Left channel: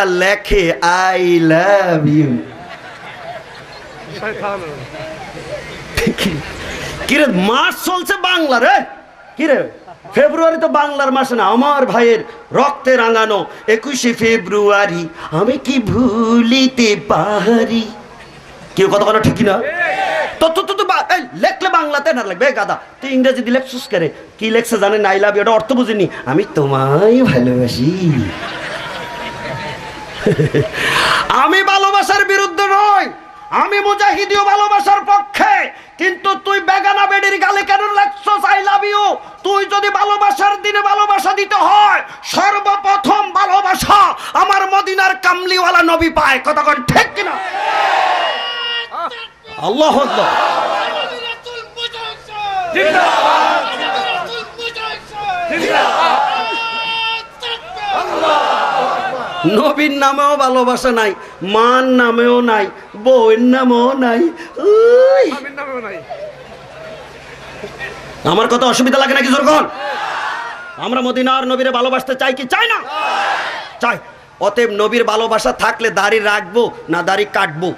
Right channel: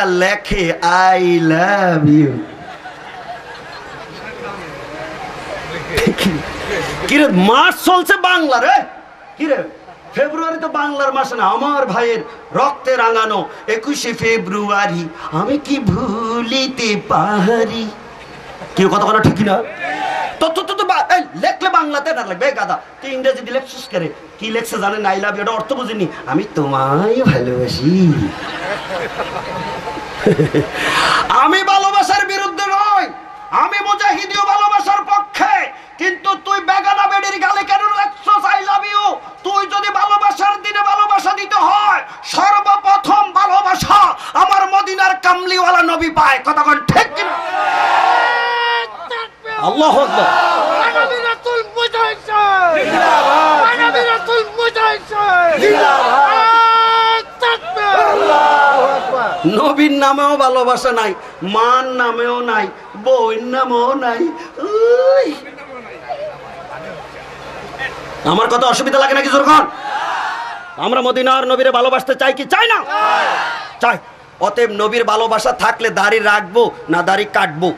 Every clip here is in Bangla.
লেখে আই লাভ ইউ। কিরে মাস চলছে বাংলা রে, কিরে ফেব্রুয়ারি তো বাংলার মাসে না, আমার ভাইয়ের রক্তে রাঙানো 21শে ফেব্রুয়ারি আমি কি ভুলিতে পারি। কেউ কথা বলো ঠিক না? তো লেখলে বাংলাতে না লাগবে গাদা, তুই ইংরেজি দিয়ে লেখছিস করে, কি লেখছে জানেন? আই লাভ ইউ, এটা অর্থ বুঝিনি, আমি তোমায় ভালোবাসি। আমি ভালোবাসার বিরুদ্ধে নই, আমি মুজাহিদীয় ভালোবাসার পক্ষে, কিন্তু তুই বেগানা বেডির গালে কেন লেখছস আই লাভ ইউ? তুই যদি ভালোবাসার দিনে ভালোবাসা দিতে হয়, সর্বপ্রথম ভালোবাসা আমার মদিনার কামলিওয়ালা নবী পায়। কথা বল ঠিক কিনা? আল্লাহু আকবার। নবীর নামেও ভালোবাসা নাই, মান নামেও নাই, বউয়ের নামেও নাই। আমার কথা অসুবিধা লাগে নাকি? জোরগণ, আমরা মদিনার নবীরে ভালোবাসতে চাই কি চাই না? চাই। অতএব নবীর ভালোবাসা থাকলে দাড়ি রাখবো না দাড়ি কাটবো?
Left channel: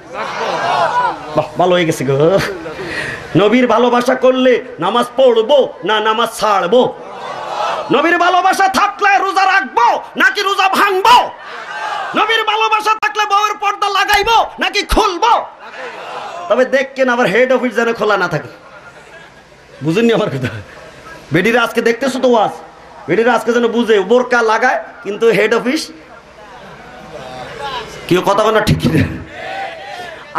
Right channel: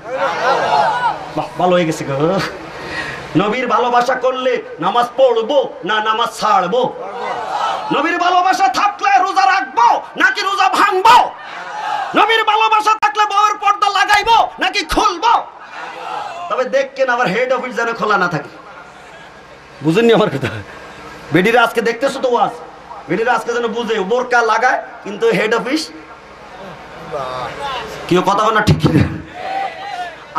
বাহ, ভালো হয়ে গেছে গো। নবীর ভালোবাসা করলে নামাজ পড়বো না নামাজ ছাড়বো? নবীর ভালোবাসা থাকলে রোজা রাখবো নাকি রোজা ভাঙবো? নবীর ভালোবাসা থাকলে বউয়ের পর্দা লাগাইবো নাকি খুলবো? তবে দেখেন আবার হেড অফিস যেন খোলা না থাকে। বুঝেননি আমার কথা? বেডিরা আজকে দেখতেছো তো ওয়াজ, বেডিরা আজকে যেন বুঝে বোরকা লাগায় কিন্তু হেড অফিস কেউ কথা বলে না ঠিক।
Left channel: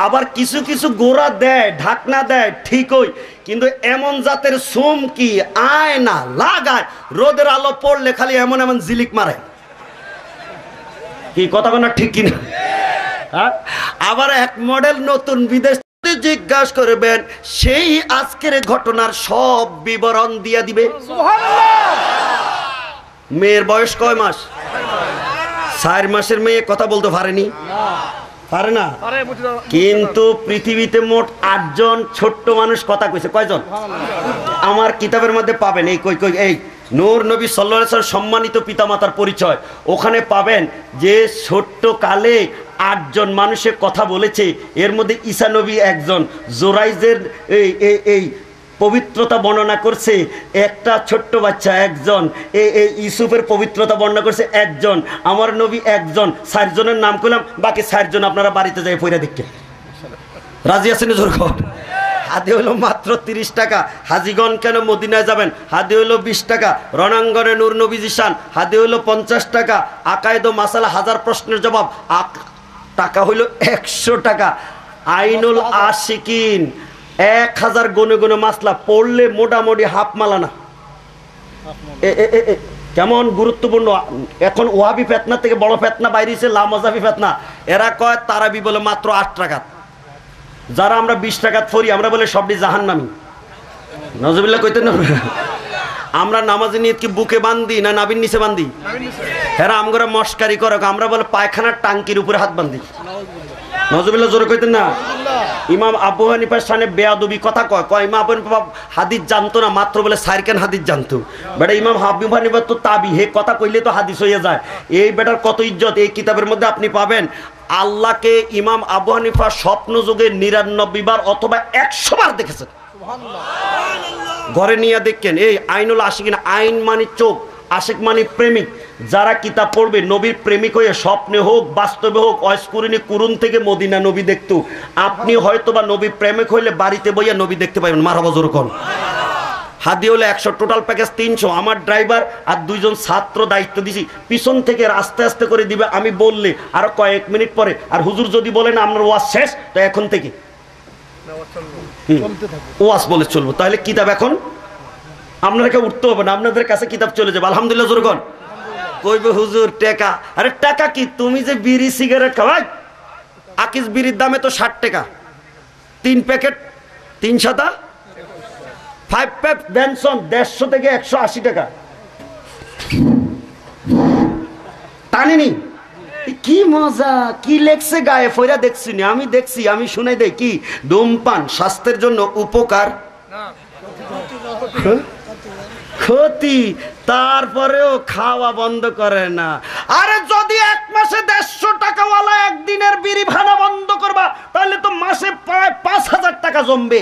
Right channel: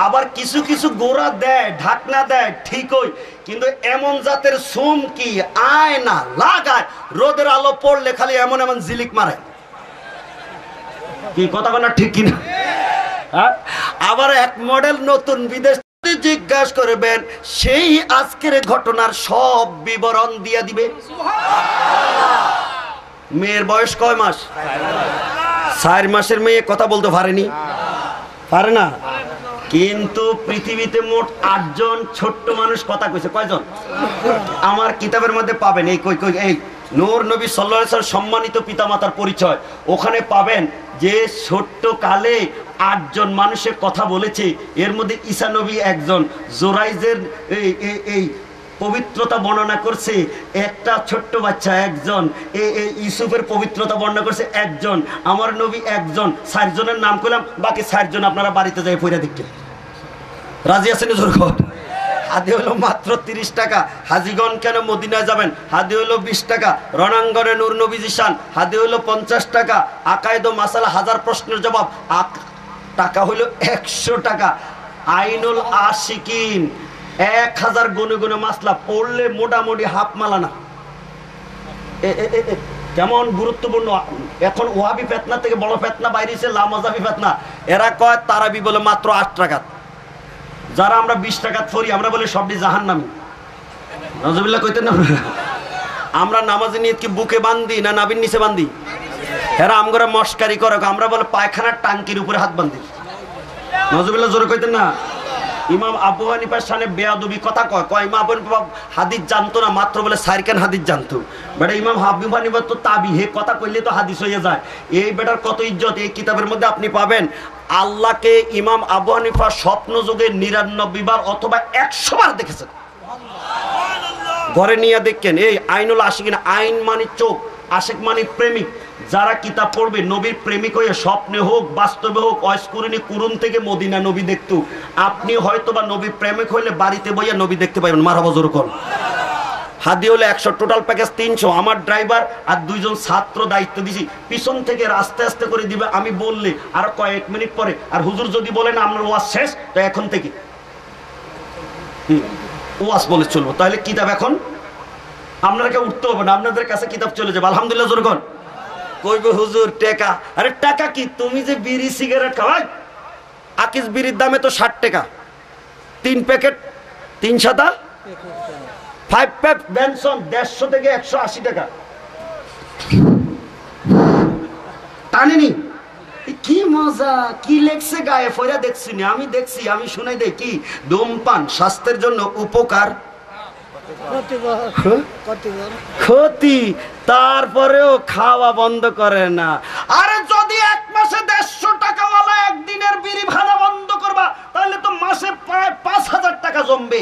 আবার কিছু কিছু গোড়া দেয়, ঢাকনা দেয় ঠিকই, কিন্তু এমন জাতের সুম কি আয় না লাগায়, রোদের আলো পড়লে খালি এমন এমন জিলিক মারে। কি কথা বলে না ঠিক কিনা? আবার এক মডেল নতুন বিদেশ জিজ্ঞাসা করবেন, সেই আজকের ঘটনার সব বিবরণ দিয়ে দিবে। মেয়ের বয়স কয় মাস? 4 মাসের মেয়ে কথা বলতে পারেনি, পারে না, কিন্তু পৃথিবীতে মোট 8 জন ছোট্ট মানুষ কথা কইছে। কয়জন? আমার কিতাবের মধ্যে পাবেন এই এই নূর নবী সাল্লাল্লাহু আলাইহি ওয়াসাল্লাম সম্মানিত পিতামাতার পরিচয়, ওখানে পাবেন যে ছোট্ট কালে 8 জন মানুষের কথা বলেছে। এর মধ্যে ঈসা নবী একজন, জোরাইজের এই পবিত্রতা বর্ণনা করছে একটা ছোট্ট বাচ্চা একজন, ইউসুফের পবিত্রতা বর্ণনা করছে একজন, আমার নবী একজন। 4 জনের নাম করলাম, বাকি 4 জন আপনারা বাড়িতে যাই পয়রা দেখেন। রাজি আছেন? জোরকর। হাদি হলো মাত্র 30 টাকা। হাজিগণ কেন মদিনায় যাবেন? হাদি হলো 20 টাকা। রণাঙ্গনে নূর নবী জিশান হাদি হলো 50 টাকা। আকায়েদ ও মাসালা 1000 প্রশ্নের জবাব টাকা হইল 100 টাকা। আইনুল আশিকিন 1000 গুনে গুনে মাসলা পড়লে মোটামুটি হাফ মালানা। কেমন গুরুত্বপূর্ণ। এখন ওয়াহাবি ফেতনা থেকে বড় ফেতনা বাইরেছে লামাজাবি ফেতনা। এরা কয় তারাবি বলে মাত্র 8 টাকা। যারা আমরা 20 টাকা পড়ি আমরা বলে সবটি জাহান্নামী। নজরুল্লাহ কইতেন না, আমরা নামাজে নিয়ত কি বুকে বান্ধি না নাভির নিচে বান্ধি? এরা আমরা মস্কারি করে, আমরা বলে পায়খানার টাঙ্কির উপরে হাত বান্ধি। নজরুল্লাহ জোরে কইতেন না। ইমাম আবু হানিফার সামনে বেয়াদবি কথা কয় ইমাম আবু হানিফা হাদিস জানতো না, মাত্র বলে 4 খান হাদিস জানতো। বেটা ইমাম আবু হানিফা তো তাবি, হে কথা কইলে তো হাদিস হয়ে যায়। এই বেটার কত ইজ্জত এই কিতাবের মধ্যে আপনি পাবেন। আল্লাহকে ইমাম আবু হানিফা স্বপ্ন যুগে 99 বার অথবা 100 বার দেখেছেন। ঘরে নিয়ে দেখেন। এই আইনুল আশিকিন, আইন মানে চোখ, আশিক মানে প্রেমিক। যারা কিতাব পড়বে নবীর প্রেমিক হয়ে স্বপ্নে হোক বাস্তবে হোক, অস্কুরিনী কুরুন থেকে মদিনা নবী দেখতো। আপনি হয়তো বা নবীর প্রেমিক হইলে বাড়িতে বইয়া নবী দেখতে পাইবেন। মারহাবা জোরে কোন। হাদি হলে 100, টোটাল প্যাকেজ 300। আমার ড্রাইভার আর 2 জন ছাত্র দায়িত্ব দিছি, পিছন থেকে আস্তে আস্তে করে দিবে। আমি বললে আরো কয়েক মিনিট পরে, আর হুজুর যদি বলেন আপনার ওয়াজ শেষ, তো এখন থেকে ওয়াজ বলে চলবো। তাহলে কিতাব এখন আপনাদেরকে উঠতে হবে না, আপনাদের কাছে কিতাব চলে যাবে। আলহামদুলিল্লাহ জোরগণ। কইবে হুজুর টাকা, আরে টাকা কি? তুমি যে বিড়ি সিগারেট খাওয়াই, আকিস বিড়ির দামে তো 60 টাকা 3 প্যাকেট, 3 সাদা 5 প্যাক বেনসন 150 থেকে 180 টাকা। টানিনি কি মজা, কি লেখছে গায়ে ফয়রা দেখছি আমি দেখছি, আমি শুনে দেই কি ধূমপান স্বাস্থ্যের জন্য উপকার। ক্ষতি, তারপরেও খাওয়া বন্ধ করে না। আরে যদি এক মাসে 150 টাকাওয়ালা একদিনের বিড়ি ভাড়া বন্ধ করবা, তাহলে তো মাসে প্রায় 5000 টাকা জমবে।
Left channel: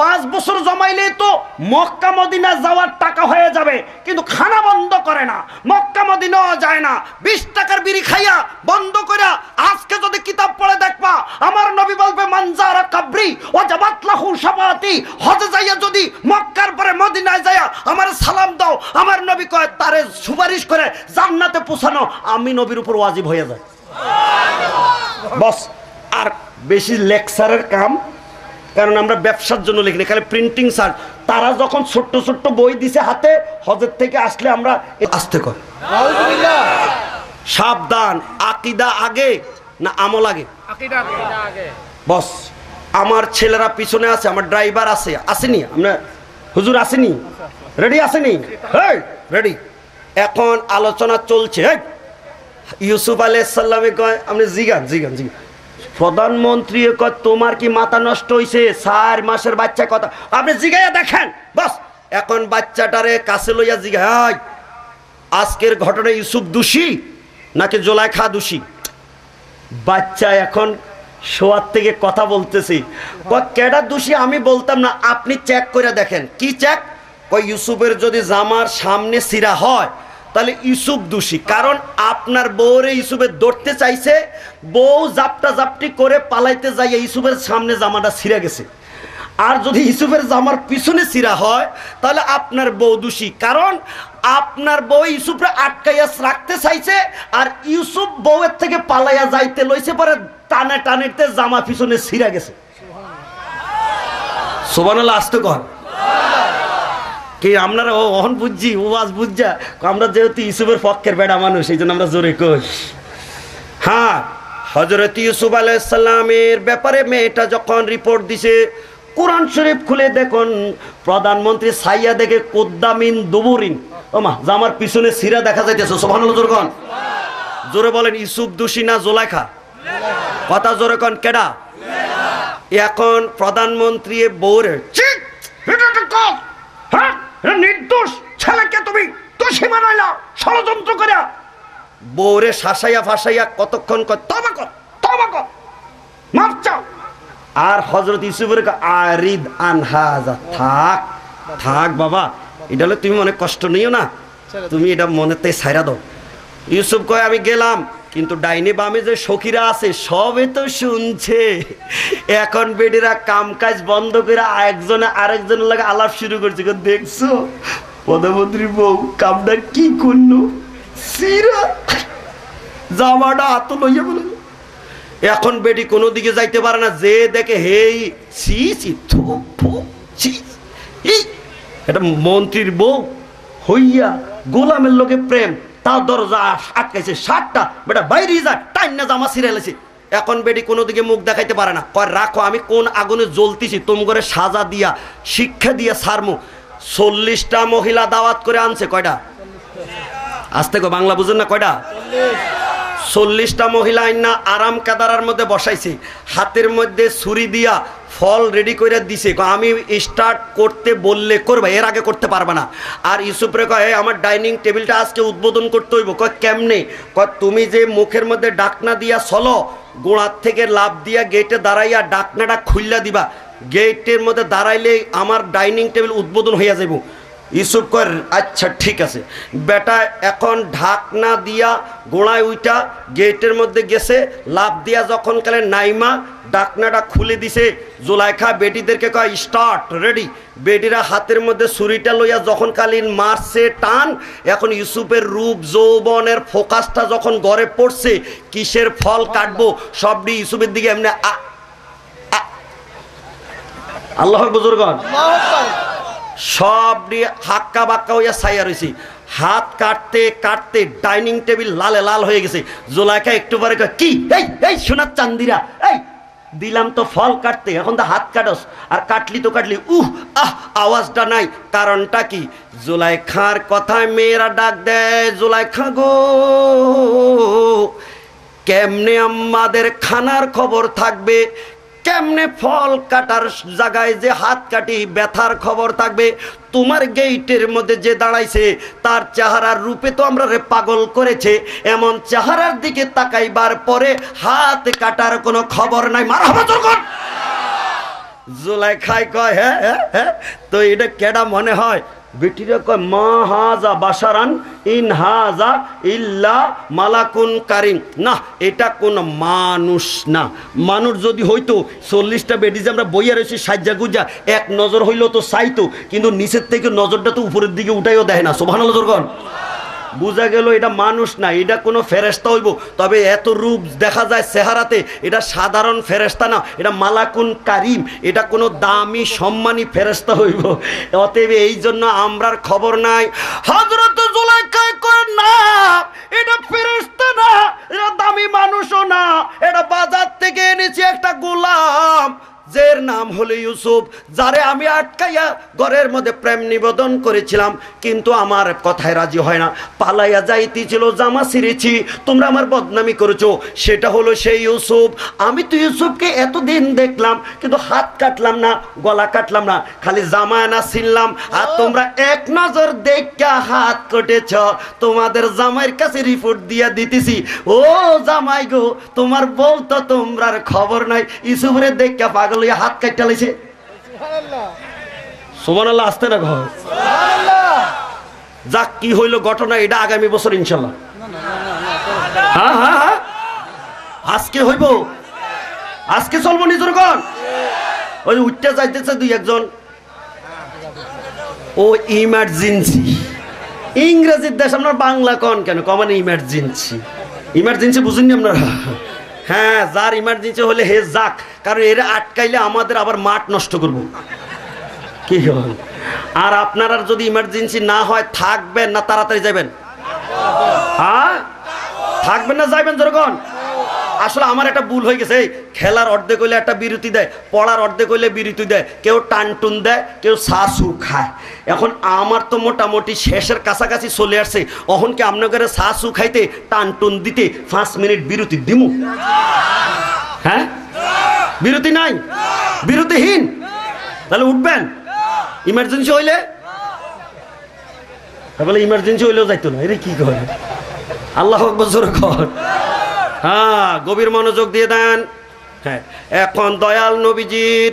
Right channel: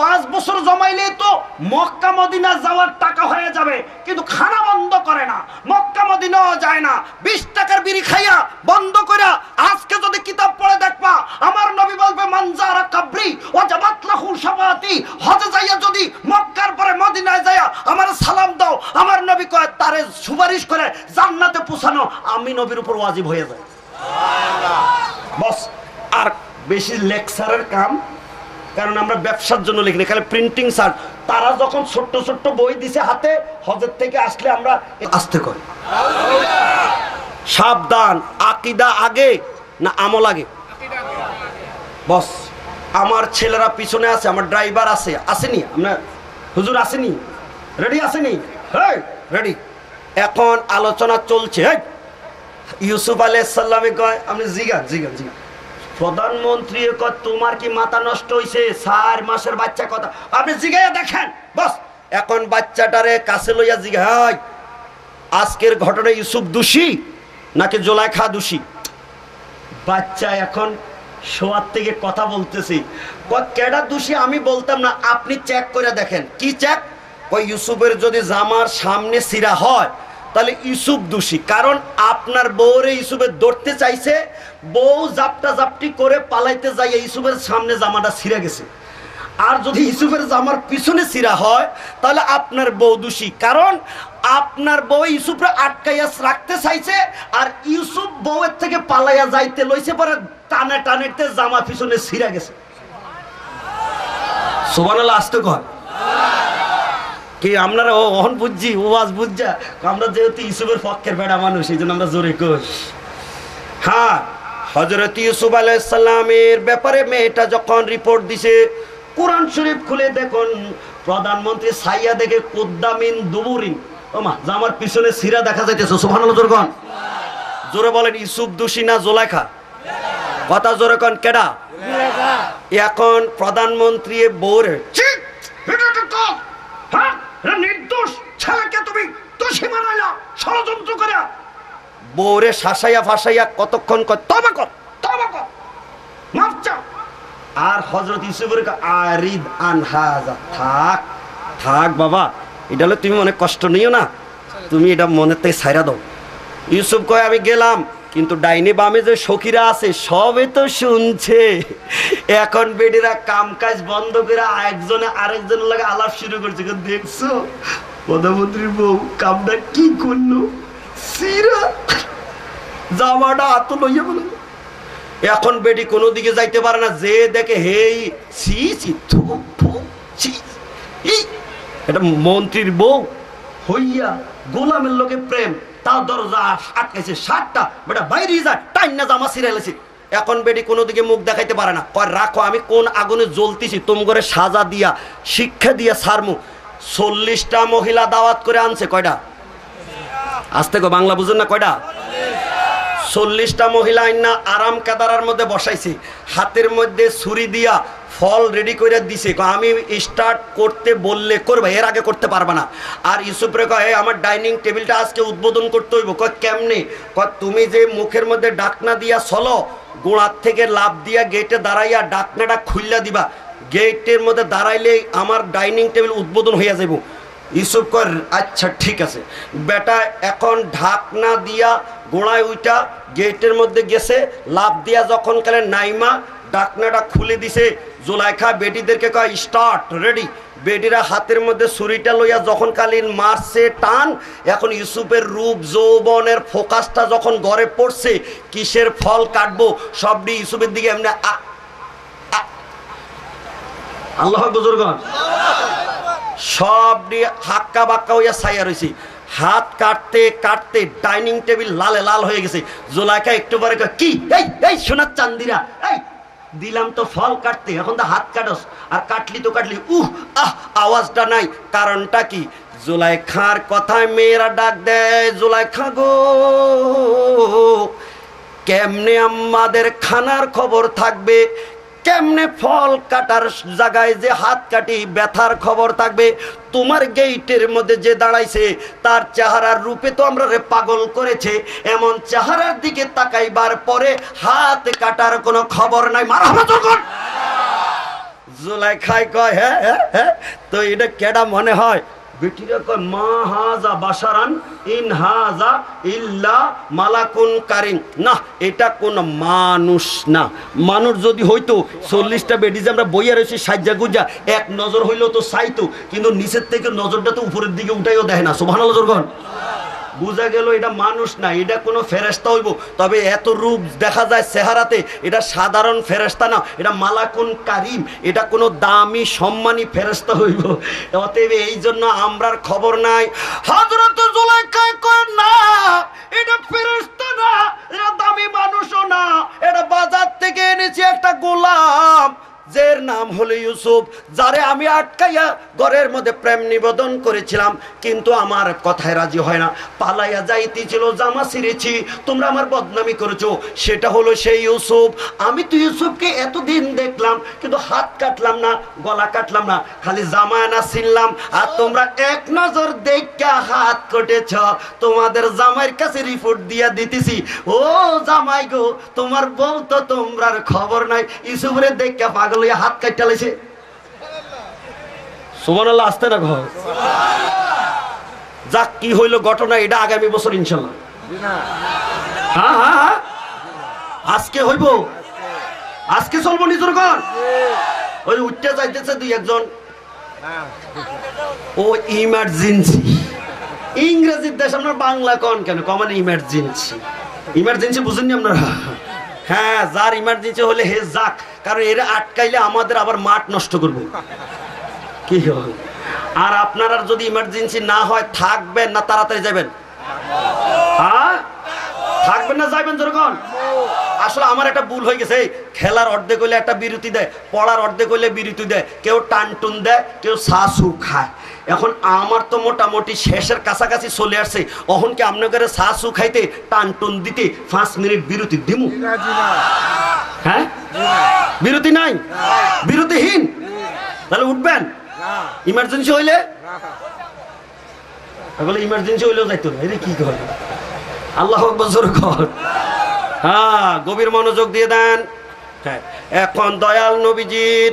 5 বছর জমাইলে তো মক্কা মদিনা যাওয়ার টাকা হয়ে যাবে। কিন্তু খানা বন্ধ করে না, মক্কা মদিনাও যায় না, 20 টাকার বিড়ি খাইয়া বন্ধ কইরা। আজকে যদি কিতাব পড়ে দেখবা, আমার নবী বলবে মানজারা কাবরি ওয়াজাবাত লাহু শাফাআতি। হজে যাইয়া যদি মক্কার পরে মদিনায় যাইয়া আমার সালাম দাও, আমার নবী কয় তারে সুপারিশ করে জান্নাতে পৌঁছানো আমি নবীর উপর ওয়াজিব হয়ে যায়। বস, আর বেশি লেকচারের কাম, কারণ আমরা ব্যবসার জন্য লিখি না, খালি প্রিন্টিং স্যার। তারা যখন ছোট্ট ছোট্ট বই দিছে হাতে, হজের থেকে আসলে আমরা আসতে কর। সাবধান, আকিদা আগে না আমল আগে? বস, আমার ছেলেরা পিছনে আছে, আমার ড্রাইভার আছে, আসেনি? আমরা হুজুর আসেনি? রেডি আসেনি? হ্যাঁ রেডি। এখন আলোচনা চলছে। ইউসুফ আলাইহিস সালামে কয়, আপনি জিগান জিগান জিগান। প্রধানমন্ত্রী কয় তোমার কি মাথা নষ্ট হইছে? 4 মাসের বাচ্চা কথা আপনি জিগাইয়া দেখেন। বস, এখন বাচ্চাটারে কাছে লইয়া জিগাই, আজকের ঘটনা ইউসুফ দোষী নাকি জুলাইখা দোষী? বাচ্চা এখন শোয়ার থেকে কথা বলতেছি, কেডা দোষী আমি বলতাম না, আপনি চেক করে দেখেন। কি চেক? কই ইউসুফের যদি জামার সামনে সিরা হয় তাহলে ইউসুফ দোষী, কারণ আপনার বউরে ইউসুফের ধরতে চাইছে, বউ জাপটা জাপটি করে পালাইতে যাইয়া ইউসুফের সামনে জামাটা ছিঁড়ে গেছে। আর যদি ইউসুফের জামার পিছনে ছিঁড়া হয় তাহলে আপনার বউ দোষী, কারণ আপনার বউ ইউসুফরে আটকাইয়া রাখতে চাইছে, আর ইউসুফ বউয়ের থেকে পালাইয়া যাইতে লইছে, পরে টানে টানেতে জামা পিছনে ছিঁড়া গেছে। সুবহানাল্লাহ, আসতে কর কি আপনারা অহন বুঝছি, ওয়াজ বুঝছা। আমরা যেহেতু ইউসুফের পক্ষের বেড়া মানুষ, এই জন্য আমরা জোরে কই। হ্যাঁ, হযরত ইউসুফ আলাইহিস সালামের ব্যাপারে মেয়েটা যখন রিপোর্ট দিছে, কোরআন শরীফ খুলে দেখুন, প্রধানমন্ত্রী সাইয়া দেখে কুদ্দামিন দুবুরিন, ওমা জামার পিছনে সিরা দেখা যাইতেছে। সুবহানাল্লাহ জোরে কোন, জোরে বলেন। ইউসুফ দোষী না জুলাইখা? কথা জোরে কোন, কেডা? এখন প্রধানমন্ত্রী বউরে নির্দোষ ছেলেকে তুমি দোষী বানাইলা ষড়যন্ত্র করে, বউরে শাসাইয়া ফাসাইয়া কতক্ষণ কয় তওবা কর তওবা কর, মাফ চাও। আর হযরত ইউসুফের আরিদ আনহাজা, থাক থাক বাবা, এটা হলে তুমি মনে কষ্ট নিও না, তুমি এটা মনেতে ছাইরা দাও। ইউসুফ কয় আমি গেলাম, কিন্তু ডাইনে বামে যে সখীরা আছে সবে তো শুনছে। এখন বেডিরা কাম কাজ বন্ধ করে একজনে আরেকজনের লাগে আলাপ শুরু করছে, দেখছো প্রধানমন্ত্রীর বউ কামটা কি করলো, সিরা জামাটা হাত লইয়া বলে। এখন বেডি কোনো দিকে যাইতে পারে না, যে দেখে হেই ছি ছি থু থু ছি, এটা মন্ত্রীর বউ হইয়া গোলামের লোকে প্রেম, তার দরজা আটকাইছে, 7টা বেটা বাইরে যায়, টাইম না জামা ছিঁড়াইছে। এখন বেটি কোনো দিকে মুখ দেখাইতে পারে না, কয় রাখো আমি কোন আগুনে জ্বলতেছি, তোম করে সাজা দিয়া শিক্ষা দিয়া সারমু। 40টা মহিলা দাওয়াত করে আনছে, কয়টা? আসতে কো, বাংলা বুঝেন না, কয়টা? 40টা মহিলা আইনা আরাম কাদারার মধ্যে বসাইছে, হাতের মধ্যে ছুরি দিয়া ফল রেডি করে দিছে, আমি স্টার্ট করতে বললে করবে, এর আগে করতে পারবে না। আর ইউসুফ রে কয় আমার ডাইনিং টেবিলটা আজকে উদ্বোধন করতে হইব। কয় কেমনে? কয় তুমি যে মুখের মধ্যে ডাকনা দিয়া চলো, গোড়ার থেকে লাভ দিয়া গেটে দাঁড়াইয়া ডাকনাটা খুললা দিবা, গেটের মধ্যে দাঁড়াইলে আমার ডাইনিং টেবিল উদ্বোধন হইয়া যাইব। ইউসুফ কয় আচ্ছা ঠিক আছে। বেটা এখন ঢাকনা দিয়া গোড়ায় উইটা গেটের মধ্যে গেছে, লাভ দিয়া যখন কালে নাইমা ডাকনাটা খুলে দিছে, জুলাইখা বেটিদেরকে কয় স্টার্ট রেডি। বেটিরা হাতের মধ্যে ছুরিটা লইয়া যখন কালীন মারছে টান, এখন ইউসুফের রূপ যৌবনের ফোকাসটা যখন গড়ে পড়ছে, কিসের ফল কাটবো সবটি ইউসুফের দিকে এমনি আল্লাহর বুজুর্গণ সবটি হাক্কা বাক্কা হইয়া ছাইয়া রয়েছে। হাত কাটতে কাটতে ডাইনিং টেবিল লালে লাল হয়ে গেছে। জুলাইখা একটু পরে কি এই এই সোনার চান্দিরা, এই দিলাম তো ফল কাটতে, এখন তো হাত কাটস, আর কাটলি তো কাটলি, আওয়াজটা নাই। কারণটা কি? জুলাইখার কথায় মেয়েরা ডাক দেয়, জুলাইখা গো কেমনে আমাদের খানার খবর থাকবে, কেমনে ফল কাটার জায়গায় যে হাত কাটি ব্যথার খবর থাকবে, তোমার গেইটের মধ্যে যে দাঁড়াইছে তার চেহারার রূপে তো আমরা রে পাগল করেছে, এমন চেহারার দিকে তাকাইবার পরে হাত কাটার কোনো খবর নাই। মারহাবা যখন জুলাইখায় কয় হ্যাঁ হ্যাঁ হ্যাঁ, তো এটা কেডা মনে হয়? বেটিরা কয় মা হাজা বাশারান ইন হাজা ইল্লা মালাকুন কারিম। না, এটা কোন মানুষ না। মানুষ যদি হইতো 40টা বেডি যে আমরা বইয়া রয়েছি সাজ্জা গুজা, এক নজর হইলো তো চাইতো, কিন্তু নিচের থেকে নজরটা তো উপরের দিকে উঠাইও দেয় না। সুবহানাল্লাহ যখন বুঝা গেল এটা মানুষ না, এটা কোনো ফেরেশতা হইব। তবে এত রূপ দেখা যায় চেহারাতে, এটা সাধারণ ফেরেশতা না, এটা মালাকুন কারিম, এটা কোনো দামি সম্মানী ফেরেশতা হইব। অতএব এই জন্য আমরার খবর নাই। হযরত জুলাইখা কয় না, এটা ফেরেশতা না, এটা দামি মানুষও না, এটা বাজার থেকে এনেছি একটা গোলাম, যার নাম হলো ইউসুফ, যারে আমি আটকাইয়া ঘরের মধ্যে প্রেম নিবেদন করেছিলাম, কিন্তু আমার কথায় রাজি হয় না, পালাইয়া যাইতেছিল, জামা ছিঁড়েছি, তোমরা আমার বদনামি করেছো, সেটা হলো সেই ইউসুফ। আমি তো ইউসুফকে এতদিন দেখলাম, কিন্তু হাত কাটলাম না, গলা কাটলাম না, খালি জামা না ছিনলাম, আর তোমরা এক নজর দেখা হাত কেটেছ। তোমাদের জামাইয়ের কাছে রিপোর্ট দিয়া দিতেছি, ও জামাই গো, তোমার বউ তো তোমরার খবর নাই, ইউসুফরে দেখা পাগল হাত কাটতে লাইছে। সুবহানাল্লাহ, আসতে না ঘর যাক, কি হইল ঘটনা এটা আগামী বছর ইনশাল্লাহ। হ্যাঁ হ্যাঁ হ্যাঁ, আজকে হইব, আজকে চলবো নিজের ঘর। ওই উঠতে যাইতেছে দুই একজন, ও ইমার্জেন্সি, ইংরেজির দেশ, আপনার বাংলা কন কেন? কমান ইমার্জেন্সি, ইমার্জেন্সি বুঝেননি আপনারা? হ্যাঁ, যার ইমার্জেন্সি হলে হে যাক, কারণ এরা আটকাইলে আমাদের আবার মাঠ নষ্ট করবো। কি হয়? আর আপনার যদি ইমার্জেন্সি না হয়, থাকবেন না তাড়াতাড়ি যাবেন? হ্যাঁ, থাকবেন না যাইবেন যখন? আসলে আমার একটা ভুল হয়ে গেছে, খেলার অর্ধেক হইলে একটা বিরতি দেয়, পড়ার অর্ধেক হইলে বিরতি দেয়, কেউ টানটুন দেয়, কেউ শাসু খায়। এখন আমার তো মোটামুটি শেষের কাছাকাছি চলে আসছে, অহন কি আপনাদের শাসু খাইতে টানটুন দিতে 5 মিনিট বিরতি দিমু? হ্যাঁ, বিরতি নাই, বিরতিহীন, তাহলে উঠবেন? ইমার্জেন্সি হইলে বলে ইমার্জেন্সি হইলেও যাইতো না, এরে কি করে? আল্লাহ আকবার জোরে কর। হ্যাঁ, গভীর মনোযোগ দিয়ে দেন। হ্যাঁ, এখন দয়াল নবীজির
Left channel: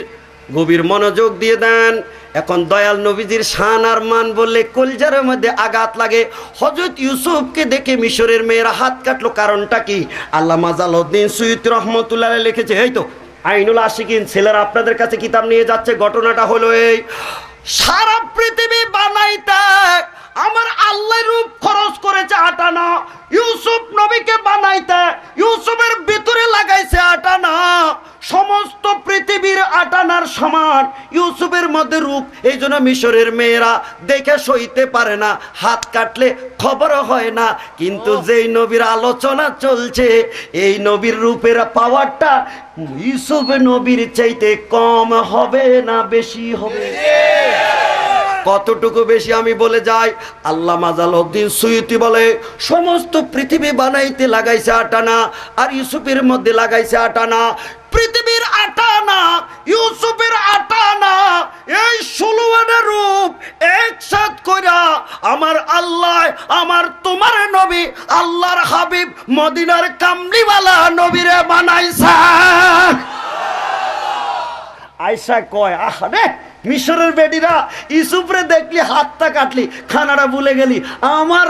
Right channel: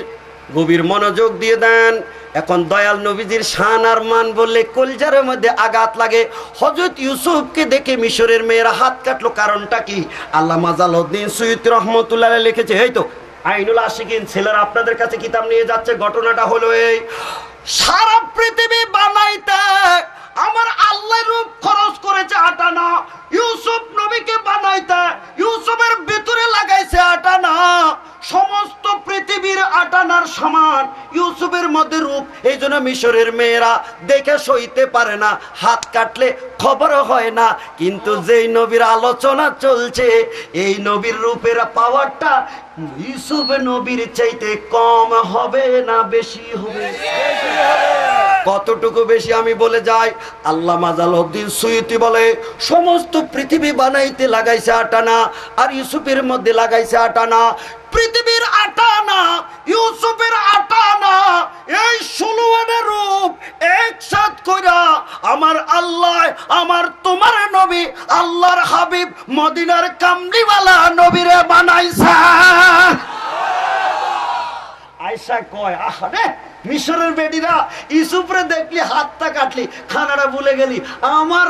গভীর মনোযোগ দিয়ে দেন। এখন দয়াল নবীজির শান আর মান বললে কলজার মধ্যে আঘাত লাগে। হযরত ইউসুফকে দেখে মিশরের মেয়েরা হাত কাটলো, কারণটা কি? আল্লামা জালালউদ্দিন সুয়ুতী রাহমাতুল্লাহ আলাইহি লিখেছে, এই তো আইনুল আশিকিন, ছেলেরা আপনাদের কাছে কিতাব নিয়ে যাচ্ছে। ঘটনাটা হলো এই, সারা পৃথিবী বানাইতে আমার আল্লাহ রূপ খরচ করেছে 8 আনা, ইউসুফ নবীকে বানাইতে ইউসুফের ভিতরে লাগাইছে 8 আনা, সমস্ত পৃথিবীর 8 আনার সমান ইউসুফের মধ্যে রূপ। এই জন্য মিশরের মেয়েরা দেখে সইতে পারে না, হাত কাটলে খবর হয় না। কিন্তু যেই নবীর আলোচনা চলছে, এই নবীর রূপের পাওয়ারটা ইউসুফ নবীর চাইতে কম হবে না বেশি হবে? কতটুকু বেশি আমি বলে যাই। আল্লামা জালালউদ্দিন সুয়ুতী বলে, সমস্ত পৃথিবী বানাইতে লাগাইছে 8 আনা, আর ইউসুফের মধ্যে লাগাইছে 8 আনা। পৃথিবীর 8 আনা, ইউসুফের 8 আনা, এই 16 আনা রূপ একসাথ কইরা আমার আল্লাহ, আমার তোমার নবী, আল্লাহর হাবিব, মদিনার কামলিওয়ালা নবীরে বানাইছে। আয়েশা কয়, আহারে মিশরের বেডিরা ইউসুফরে দেখলি হাতটা কাটলি, খানাটা ভুলে গেলি, আমার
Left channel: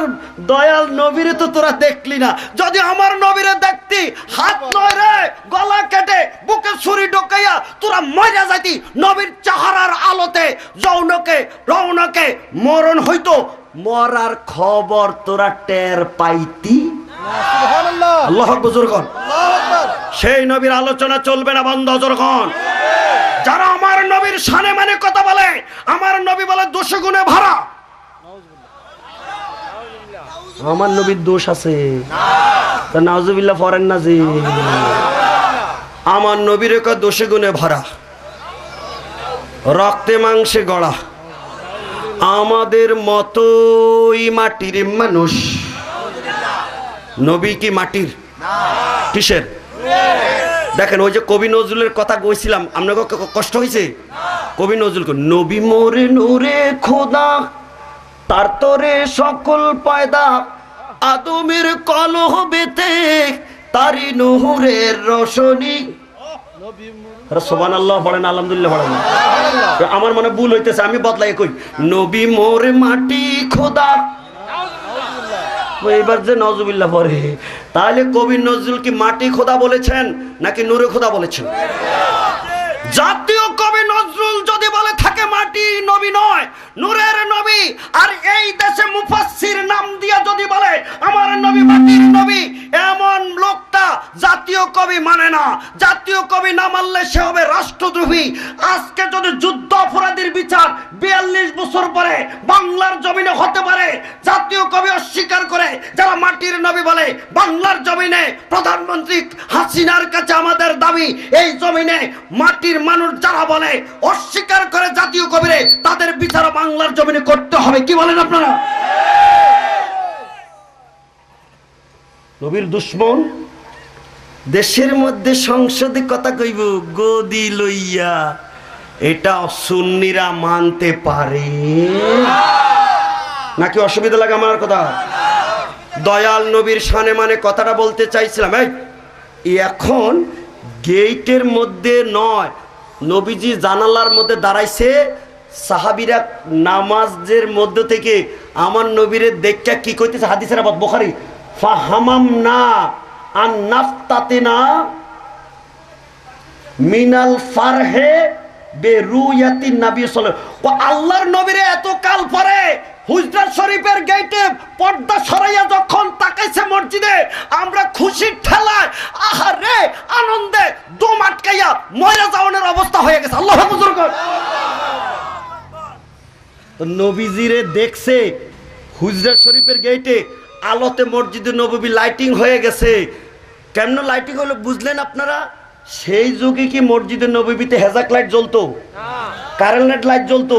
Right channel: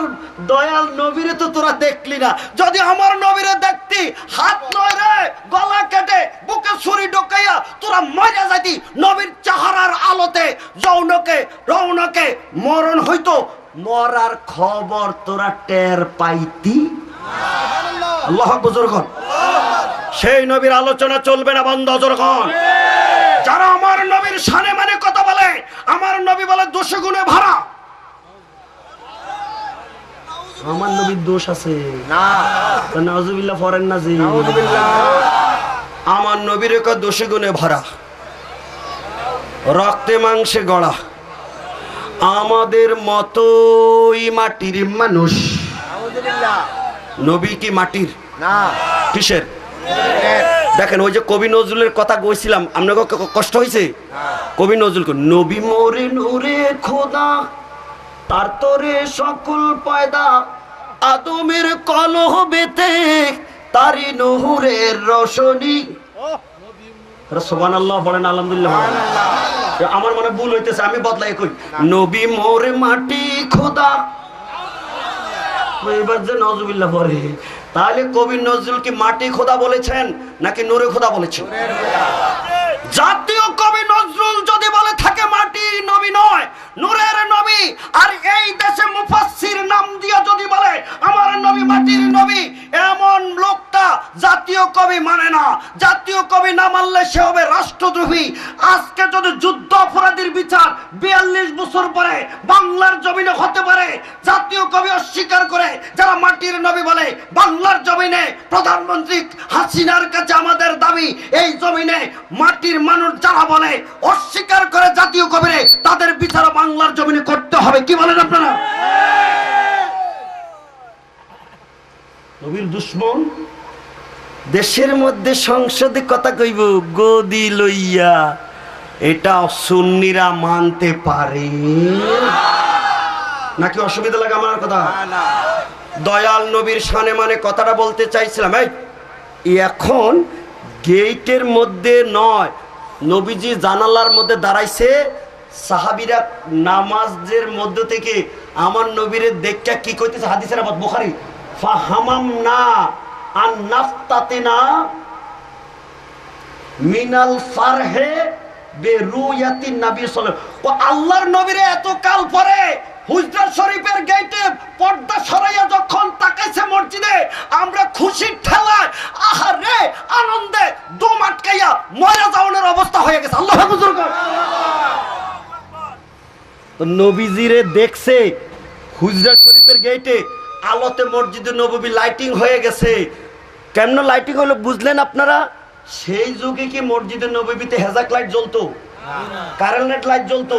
দয়াল নবীরে তো তোরা দেখলি না। যদি আমার নবীরে দেখতি, হাত নয় রে, গলা কেটে বুকে ছুরি ঢোকাইয়া তোরা মজা যাইতি। নবীর চেহারার আলোতে যৌনকে রৌনকে মরণ হইতো, মরার খবর তোরা টের পাইতি। আল্লাহ আকবার। সেই নবীর আলোচনা চলবে না বন্ধ যখন। যারা আমার নবীর শানে মানে কথা বলে, আমার নবী বলে দোষে গুণে ভরা। আমার নবীর দোষ আছে না, নাউজুবিল্লাহ পড়েন না জি। আমার নবীর দোষে গুণে ভরা, রক্তে মাংসে গড়া, আমাদের মতোই মাটির মানুষ। নবী কি মাটির না, কিসের? দেখেন ওই যে কবি নজরুলের কথা কইছিলাম, আপনাকে কষ্ট হয়েছে? কবি নজরুল নবী মোরে নূরে খোদা তার তোরে সকল পয়দা আদমের কলহ বেতে তারি নূরের রোশনী। সুবহানাল্লাহ বলেন, আলহামদুলিল্লাহ বলেন। আমার মনে ভুল হইতেছে, আমি বদলাই কই নবী মোরে মাটি খোদা। এবার যে নজরুল্লাহ পড়ে, তাহলে কবি নজরুল কি মাটি খোদা বলেছেন নাকি নূরে খোদা বলেছেন? জাতীয় কবি নজরুল যদি বলে থাকে মাটি নবী নয় নূরের নবী, আর এই দেশে মুফাসসির নাম দিয়া যদি বলে আমার নবী মাটির নবী, এমন লোকটা জাতীয় কবি মানে না। জাতীয় কবি না মানলে সে হবে রাষ্ট্রদ্রোহী। আজকে যদি যুদ্ধ অপরাধীর বিচার 42 বছর পরে বাংলার জমিনে হতে পারে, জাতীয় কবি অস্বীকার করে যারা মাটির নবী বলে, বাংলার জমিনে প্রধানমন্ত্রী হাসিনার কাছে আমাদের দাবি, এই জমিনে মাটির মানুষ যারা বলে অস্বীকার করে জাতীয় কবিরে, তাদের বিচার বাংলার জমিনে করতে হবে। কি বলেন আপনারা? নবীর দুশ্মন দেশের মধ্যে সংসদে কথা কইব গদি লইয়া, এটা সুন্নিরা মানতে পারে নাকি অসুবিধা লাগে আমার কথা? দয়াল নবীর শানে মানে কথাটা বলতে চাইছিলাম। এখন গেটের মধ্যে নয়, নবীজি জানালার মধ্যে দাঁড়াইছে, সাহাবীরা নামাজের মধ্য থেকে আমার নবীরে দেখা কি কইতেছে, হাদিসের আবাদ বুখারী, ফাহামামনা আন নাফতাতিনা মিনাল ফারহে বেরুয়াতিন নবী সাল্লাল্লাহু আলাইহি ওয়া আল্লাহর নবীরে এত কাল পরে হুজরা শরীফের গেটে পর্দা সরাইয়া যখন তাকাইছে মসজিদে, আমরা খুশির ঠেলায় আহারে আনন্দে দম আটকাইয়া মরে যাওয়ার অবস্থা হয়ে গেছে। আল্লাহু আকবার। নবীজিরে দেখছে হুজরা শরীফের গেটে, আলোতে মসজিদে নববী লাইটিং হয়ে গেছে। কেমন লাইটিং হলো বুঝলেন আপনারা? সেই যুগে কি মসজিদে নববীতে হেজাক লাইট জ্বলতো? কারেন্ট লাইট জ্বলতো?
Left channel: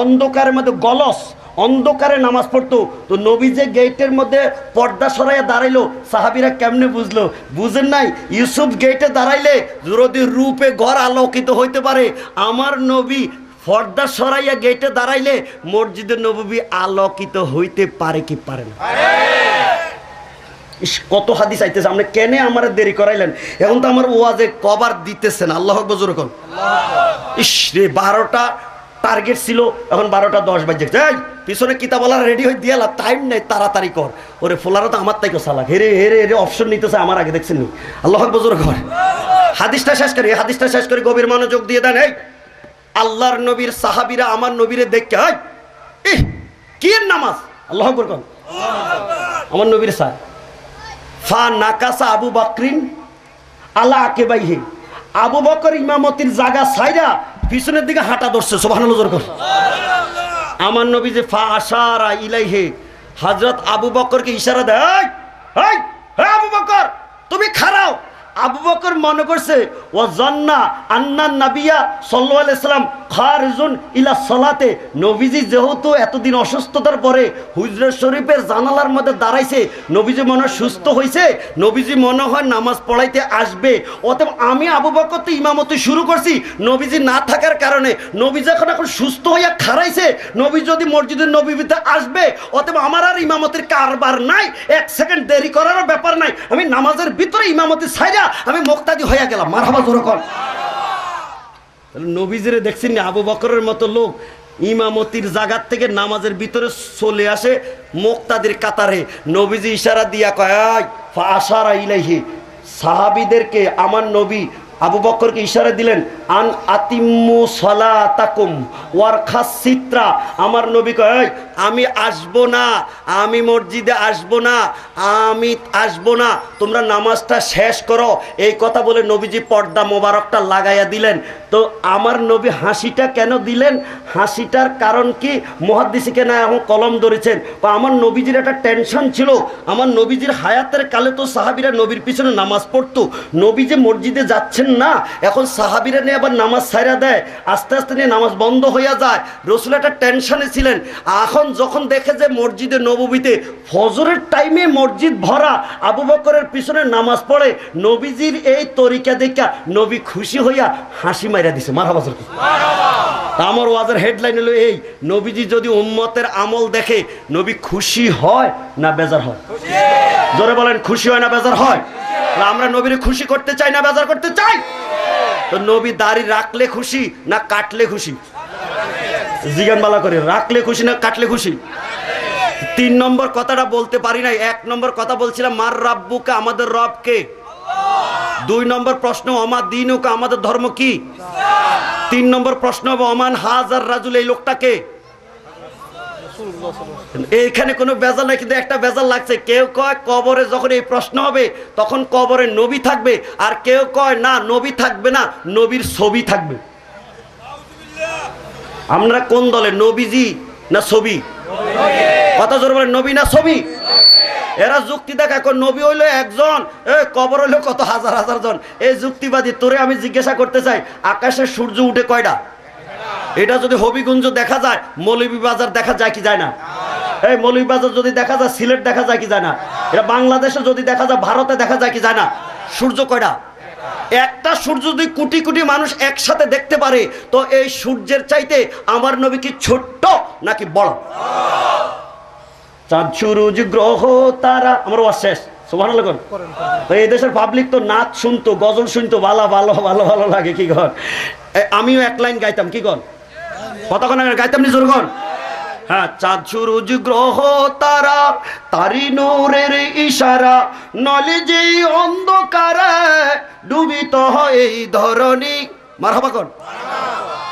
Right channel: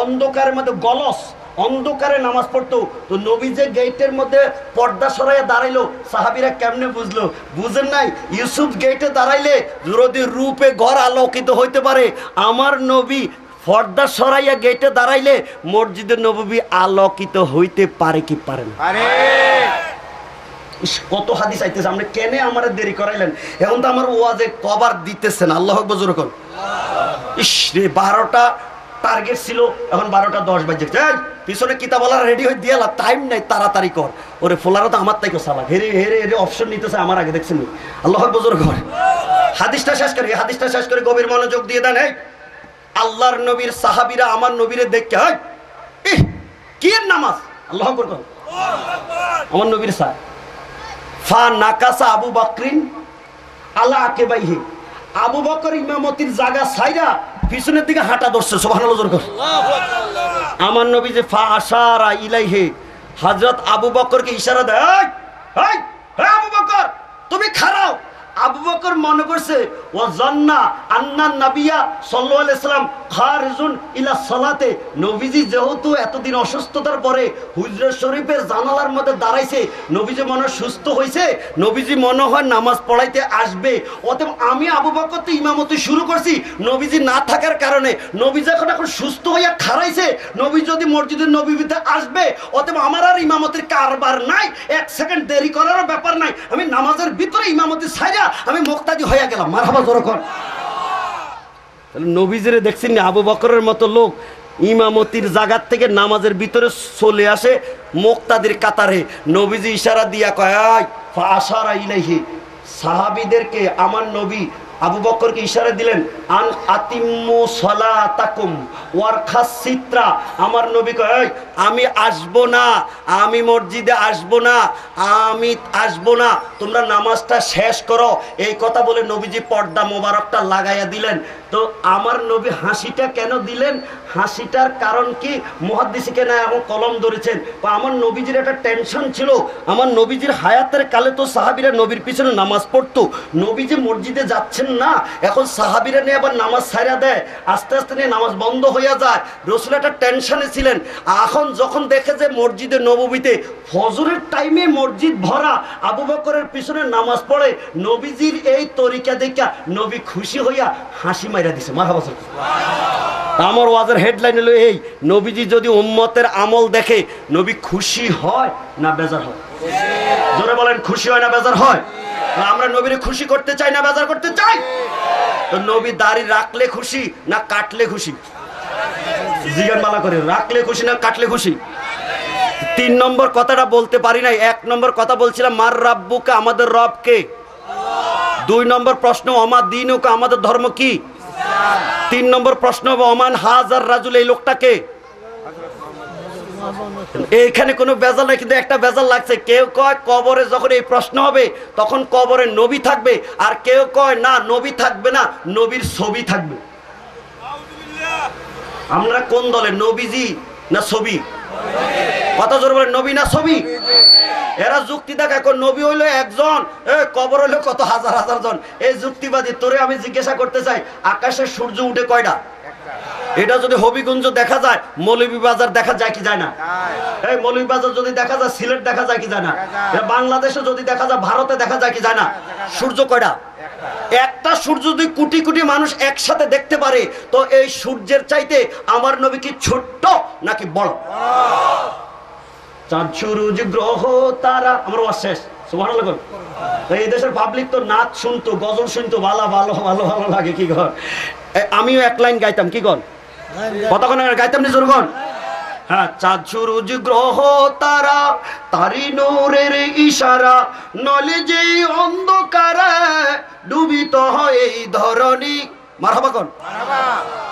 অন্ধকারের মধ্যে গলস অন্ধকারে নামাজ পড়তো। তো নবী যে গেটের মধ্যে পর্দা সরাইয়া দাঁড়াইলো, সাহাবীরা কেমনে বুঝলো? বুঝেন নাই? ইউসুফ গেটে দাঁড়াইলে যদি রূপে ঘর আলোকিত হইতে পারে, আমার নবী পর্দা সরাইয়া গেটে দাঁড়াইলে মসজিদে নববী আলোকিত হইতে পারে কি পারে না? কত হাদিস আইতেছে, আপনি কেনে আমার দেরি করাইলেন? এখন তো আমার ওয়াজে কভার দিতেছেন। আল্লাহু আকবার জোরে কোন। ইস রে, 12টা টার্গেট ছিল, এখন 12টা 10 বাজে। পিছনে কিতাব বলার রেডি হয়ে দিয়ে টাইম নাই, তাড়াতাড়ি কর। ওরে ফোলারা তো আমার তাইকে চালাক, হেরে হেরে হেরে অপশন নিতেছে আমার আগে, দেখছেন? আল্লাহু আকবার জোরে কর। হাদিসটা শেষ করি, হাদিসটা শেষ করে গভীর মনোযোগ দিয়ে দেন। এই আল্লাহর নবীর সাহাবীরা আমার নবীরে দেখে কি নামাজ, আল্লাহু আকবার কর। আমার নবীর সাহ ফা নাকাসা আবু বকরিন আলা আকেবাইহি, আবু বকর ইমামতির জায়গা ছাইরা পিছনের দিকে হাঁটা ধরছে। সুবহানাল্লাহ জোরে কর। আমার নবী যে ফা আশারা ইলাইহি, হযরত আবু বকরকে ইশারা দেয়, এই আবু বকর তুমি খাড়াও। আবু বকর মনে করছে ও জান্না আন্না নবিয়া সাল্লাল্লাহু আলাইহি সাল্লাম খারিজুন ইলা সালাতে, নবীজি যেহেতু এতদিন অসুস্থতার পরে হুজরা শরীফের জানালার মধ্যে দাঁড়াইছে, নবীজি মনে সুস্থ হয়েছে, নবীজি মনে হয় নামাজ পড়াইতে আসবে। অতএব আমি আবু বকর তো ইমামতি শুরু করছি, নবীজি না থাকার কারণে নবীজি এখন সুস্থ হইয়া খাড়াইছে, নবী যদি মসজিদের নববীতে আসবে, অতএব আমার আর ইমামতির কারবার নাই, 1 সেকেন্ড দেরি করারও ব্যাপার নাই, আমি নামাজের ভিতরে ইমামতি ছাইরা আমি মুক্তাদি হইয়া গেলাম। মারহাবা জোরে কর। নবীজিরে দেখছেন না, আবু বকরের মতো লোক ইমামতির জায়গার থেকে নামাজের ভিতরে চলে আসে মুক্তাদির কাতারে। নবীজি ইশারা দিয়া কয় ফা আশারা ইলাইহি, সাহাবীদেরকে আমার নবী আবু বকরকে ইশারা দিলেন, আন আতিম্মু সালাতাকুম ওয়ারখাস সিত্রা। আমার নবী কয় আমি আসবো না, আমি মসজিদে আসবো না, আমি আসবো না, তোমরা নামাজটা শেষ করো। এই কথা বলে নবীজি পর্দা মোবারকটা লাগাইয়া দিলেন। তো আমার নবী হাসিটা কেন দিলেন? হাসিটার কারণ কি মুহাদ্দিসিকে না এখন কলম ধরেছেন। আমার নবীজির একটা টেনশন ছিল, আমার নবীজির হায়াতের কালে তো সাহাবীরা নবীর পিছনে নামাজ পড়তো, নবীজি মসজিদে যাচ্ছেন না, এখন সাহাবীরা নিয়ে আবার নামাজ ছাইরা দেয়, আস্তে আস্তে নিয়ে নামাজ বন্ধ হইয়া যায়। রাসূল একটা টেনশনে ছিলেন। এখন যখন দেখে যে মসজিদে নববীতে ফজরের টাইমে মসজিদ ভরা, আবু বকরের পিছনে নামাজ পড়ে, নবীজির এই তরিকা দেখা নবী খুশি হইয়া হাসি মাইরা দিছে। মারহাবা। আমার ওয়াজের হেডলাইন হলো এই, নবীজি যদি উম্মতের আমল দেখে নবী খুশি হয় না বেজার হয়? জোরে বলেন, খুশি হয় না বেজার হয়? আমরা নবীরে খুশি করতে চাই না বেজার করতে চাই? তো নবী দাড়ি রাখলে খুশি না কাটলে খুশি? জিজ্ঞান বালা করে, রাখলে খুশি না কাটলে খুশি? 3 নম্বর কথাটা বলতে পারি নাই। 1 নম্বর কথা বলছিলাম মার রাব্বুকা, আমাদের রব কে? 2 নম্বর প্রশ্ন অমা দীনুকা, আমাদের ধর্ম কি? 3 নম্বর প্রশ্ন অমান হাজার রাজুল, এই লোকটা কে? এইখানে কোনো বেজাল নাই, কিন্তু একটা বেজাল লাগছে। কেউ কয় কবরে যখন এই প্রশ্ন হবে তখন কবরে নবী থাকবে, আর কেউ কয় না নবী থাকবে না, নবীর ছবি থাকবে। আমরা কোন দলে, নবীজি না ছবি? কত জোর বলেন, নবী না ছবি? এরা যুক্তি দেখায়, নবী হইলো একজন, কবর হইলো কত হাজার হাজার জন। এই যুক্তিবাদী। তোরে আমি জিজ্ঞাসা করতে চাই, আকাশে সূর্য উঠে কয়টা? এটা যদি হবিগঞ্জ দেখা যায়, মৌলভীবাজার দেখা যায় কি যায় না? এই মৌলভীবাজার যদি দেখা যায়, সিলেট দেখা যায় কি যায় না? এটা বাংলাদেশে যদি দেখা যায়, ভারতে দেখা যায় কি যায় না? সূর্য কয়টা? একটা সূর্য যদি কোটি কোটি মানুষ একসাথে দেখতে পারে, তো এই সূর্যের চাইতে আমার নবী কি ছোট্ট নাকি বড়? চাঁদ সূরজ গ্রহ তারা, আমার ওয়াজ শেষ। সুবহানাল্লাহ। এই দেশের পাবলিক তো নাচ শুনতো, গজল শুনতো, ভালো ভালো ভালো ভালো লাগে। কি কর, আমিও 1 লাইন গাইতাম। কি কর, কতক্ষণ গাইতাম নি জোরগণ? হ্যাঁ, চাঁদ সূরজ গ্রহ তারা, তারি নূরের ইশারা, নলে যে অন্ধকারে ডুবিত হয় এই ধরনী। মারহাবা কোন?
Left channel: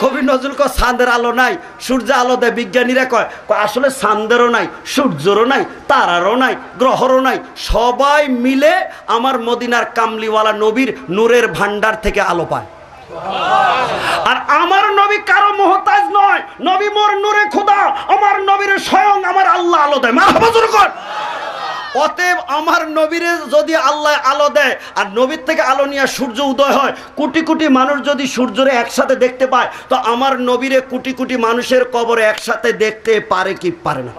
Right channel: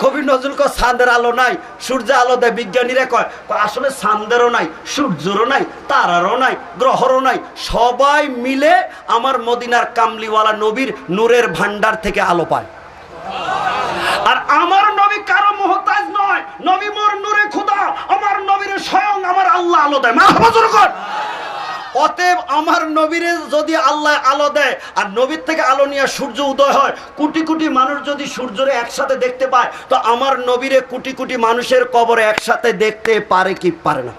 কবি নজরুল কয় চাঁদের আলো নাই, সূর্য আলো দেয়। বিজ্ঞানীরা কয় আসলে চাঁদেরও নাই, সূর্যেরও নাই, তারারও নাই, গ্রহরও নাই, সবাই মিলে আমার মদিনার কামলিওয়ালা নবীর নূরের ভান্ডার থেকে আলো পায়। আর আমার নবী কারো মুহতাজ নয়, নবী মোর নূরে খোদা, আমার নবীর স্বয়ং আমার আল্লাহ আলো দেয়। মারহাবা জোরে কর। অতএব আমার নবীরে যদি আল্লাহ আলো দেয়, আর নবীর থেকে আলো নিয়ে সূর্য উদয় হয়, কোটি কোটি মানুষ যদি সূর্যরে একসাথে দেখতে পায়, তো আমার নবীরে কোটি কোটি মানুষের কবরে একসাথে দেখতে পারে কি পারে না?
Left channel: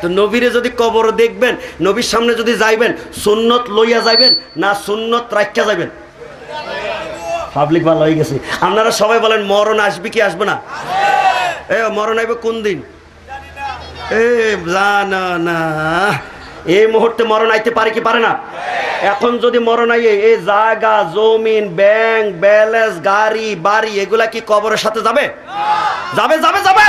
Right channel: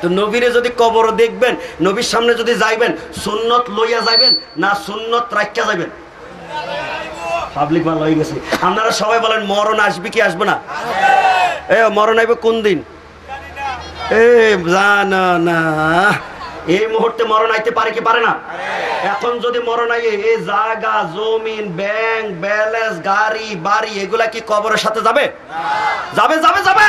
তো নবীরে যদি কবর দেখবেন, নবীর সামনে যদি যাইবেন, সুন্নত লইয়া যাইবেন না সুন্নত রাখিয়া যাইবেন? পাবলিক ভালো হয়ে গেছে। আপনারা সবাই বলেন মরণ আসবে কি আসবে না? মরণ আইবে কোন দিন? জানা না। এই মুহূর্তে মরণ আইতে পারে কি পারে না? এখন যদি মরণ আইয়ে, এই জায়গা জমিন ব্যাংক ব্যালেন্স গাড়ি বাড়ি এগুলা কি কবরের সাথে যাবে? যাবে যাবে যাবে।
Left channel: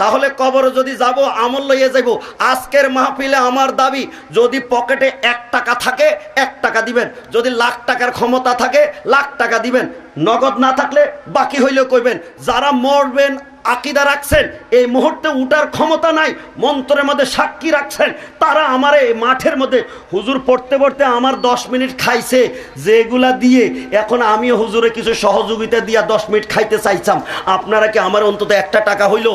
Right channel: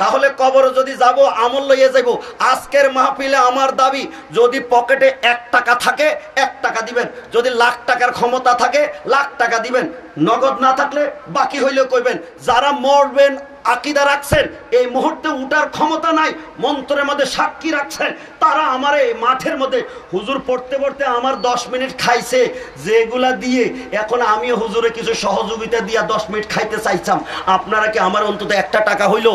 তাহলে কবরে যদি যাব, আমল লইয়ে যাইব। আজকের মাহফিলে আমার দাবি, যদি পকেটে 1 টাকা থাকে 1 টাকা দিবেন, যদি লাখ টাকার ক্ষমতা থাকে লাখ টাকা দিবেন, নগদ না থাকলে বাকি হইলেও কইবেন। যারা মরবেন আকীদা রাখছেন, এই মুহূর্তে উঠার ক্ষমতা নাই, মন্ত্রের মধ্যে সাক্ষী রাখছেন, তারা আমার এই মাঠের মধ্যে হুজুর পড়তে পড়তে আমার 10 মিনিট খাইছে, যেগুলা দিয়ে এখন আমিও হুজুরে কিছু সহযোগিতা দিয়া 10 মিনিট খাইতে চাইছাম। আপনারা কি আমার অন্তত 1 টাকা হইলো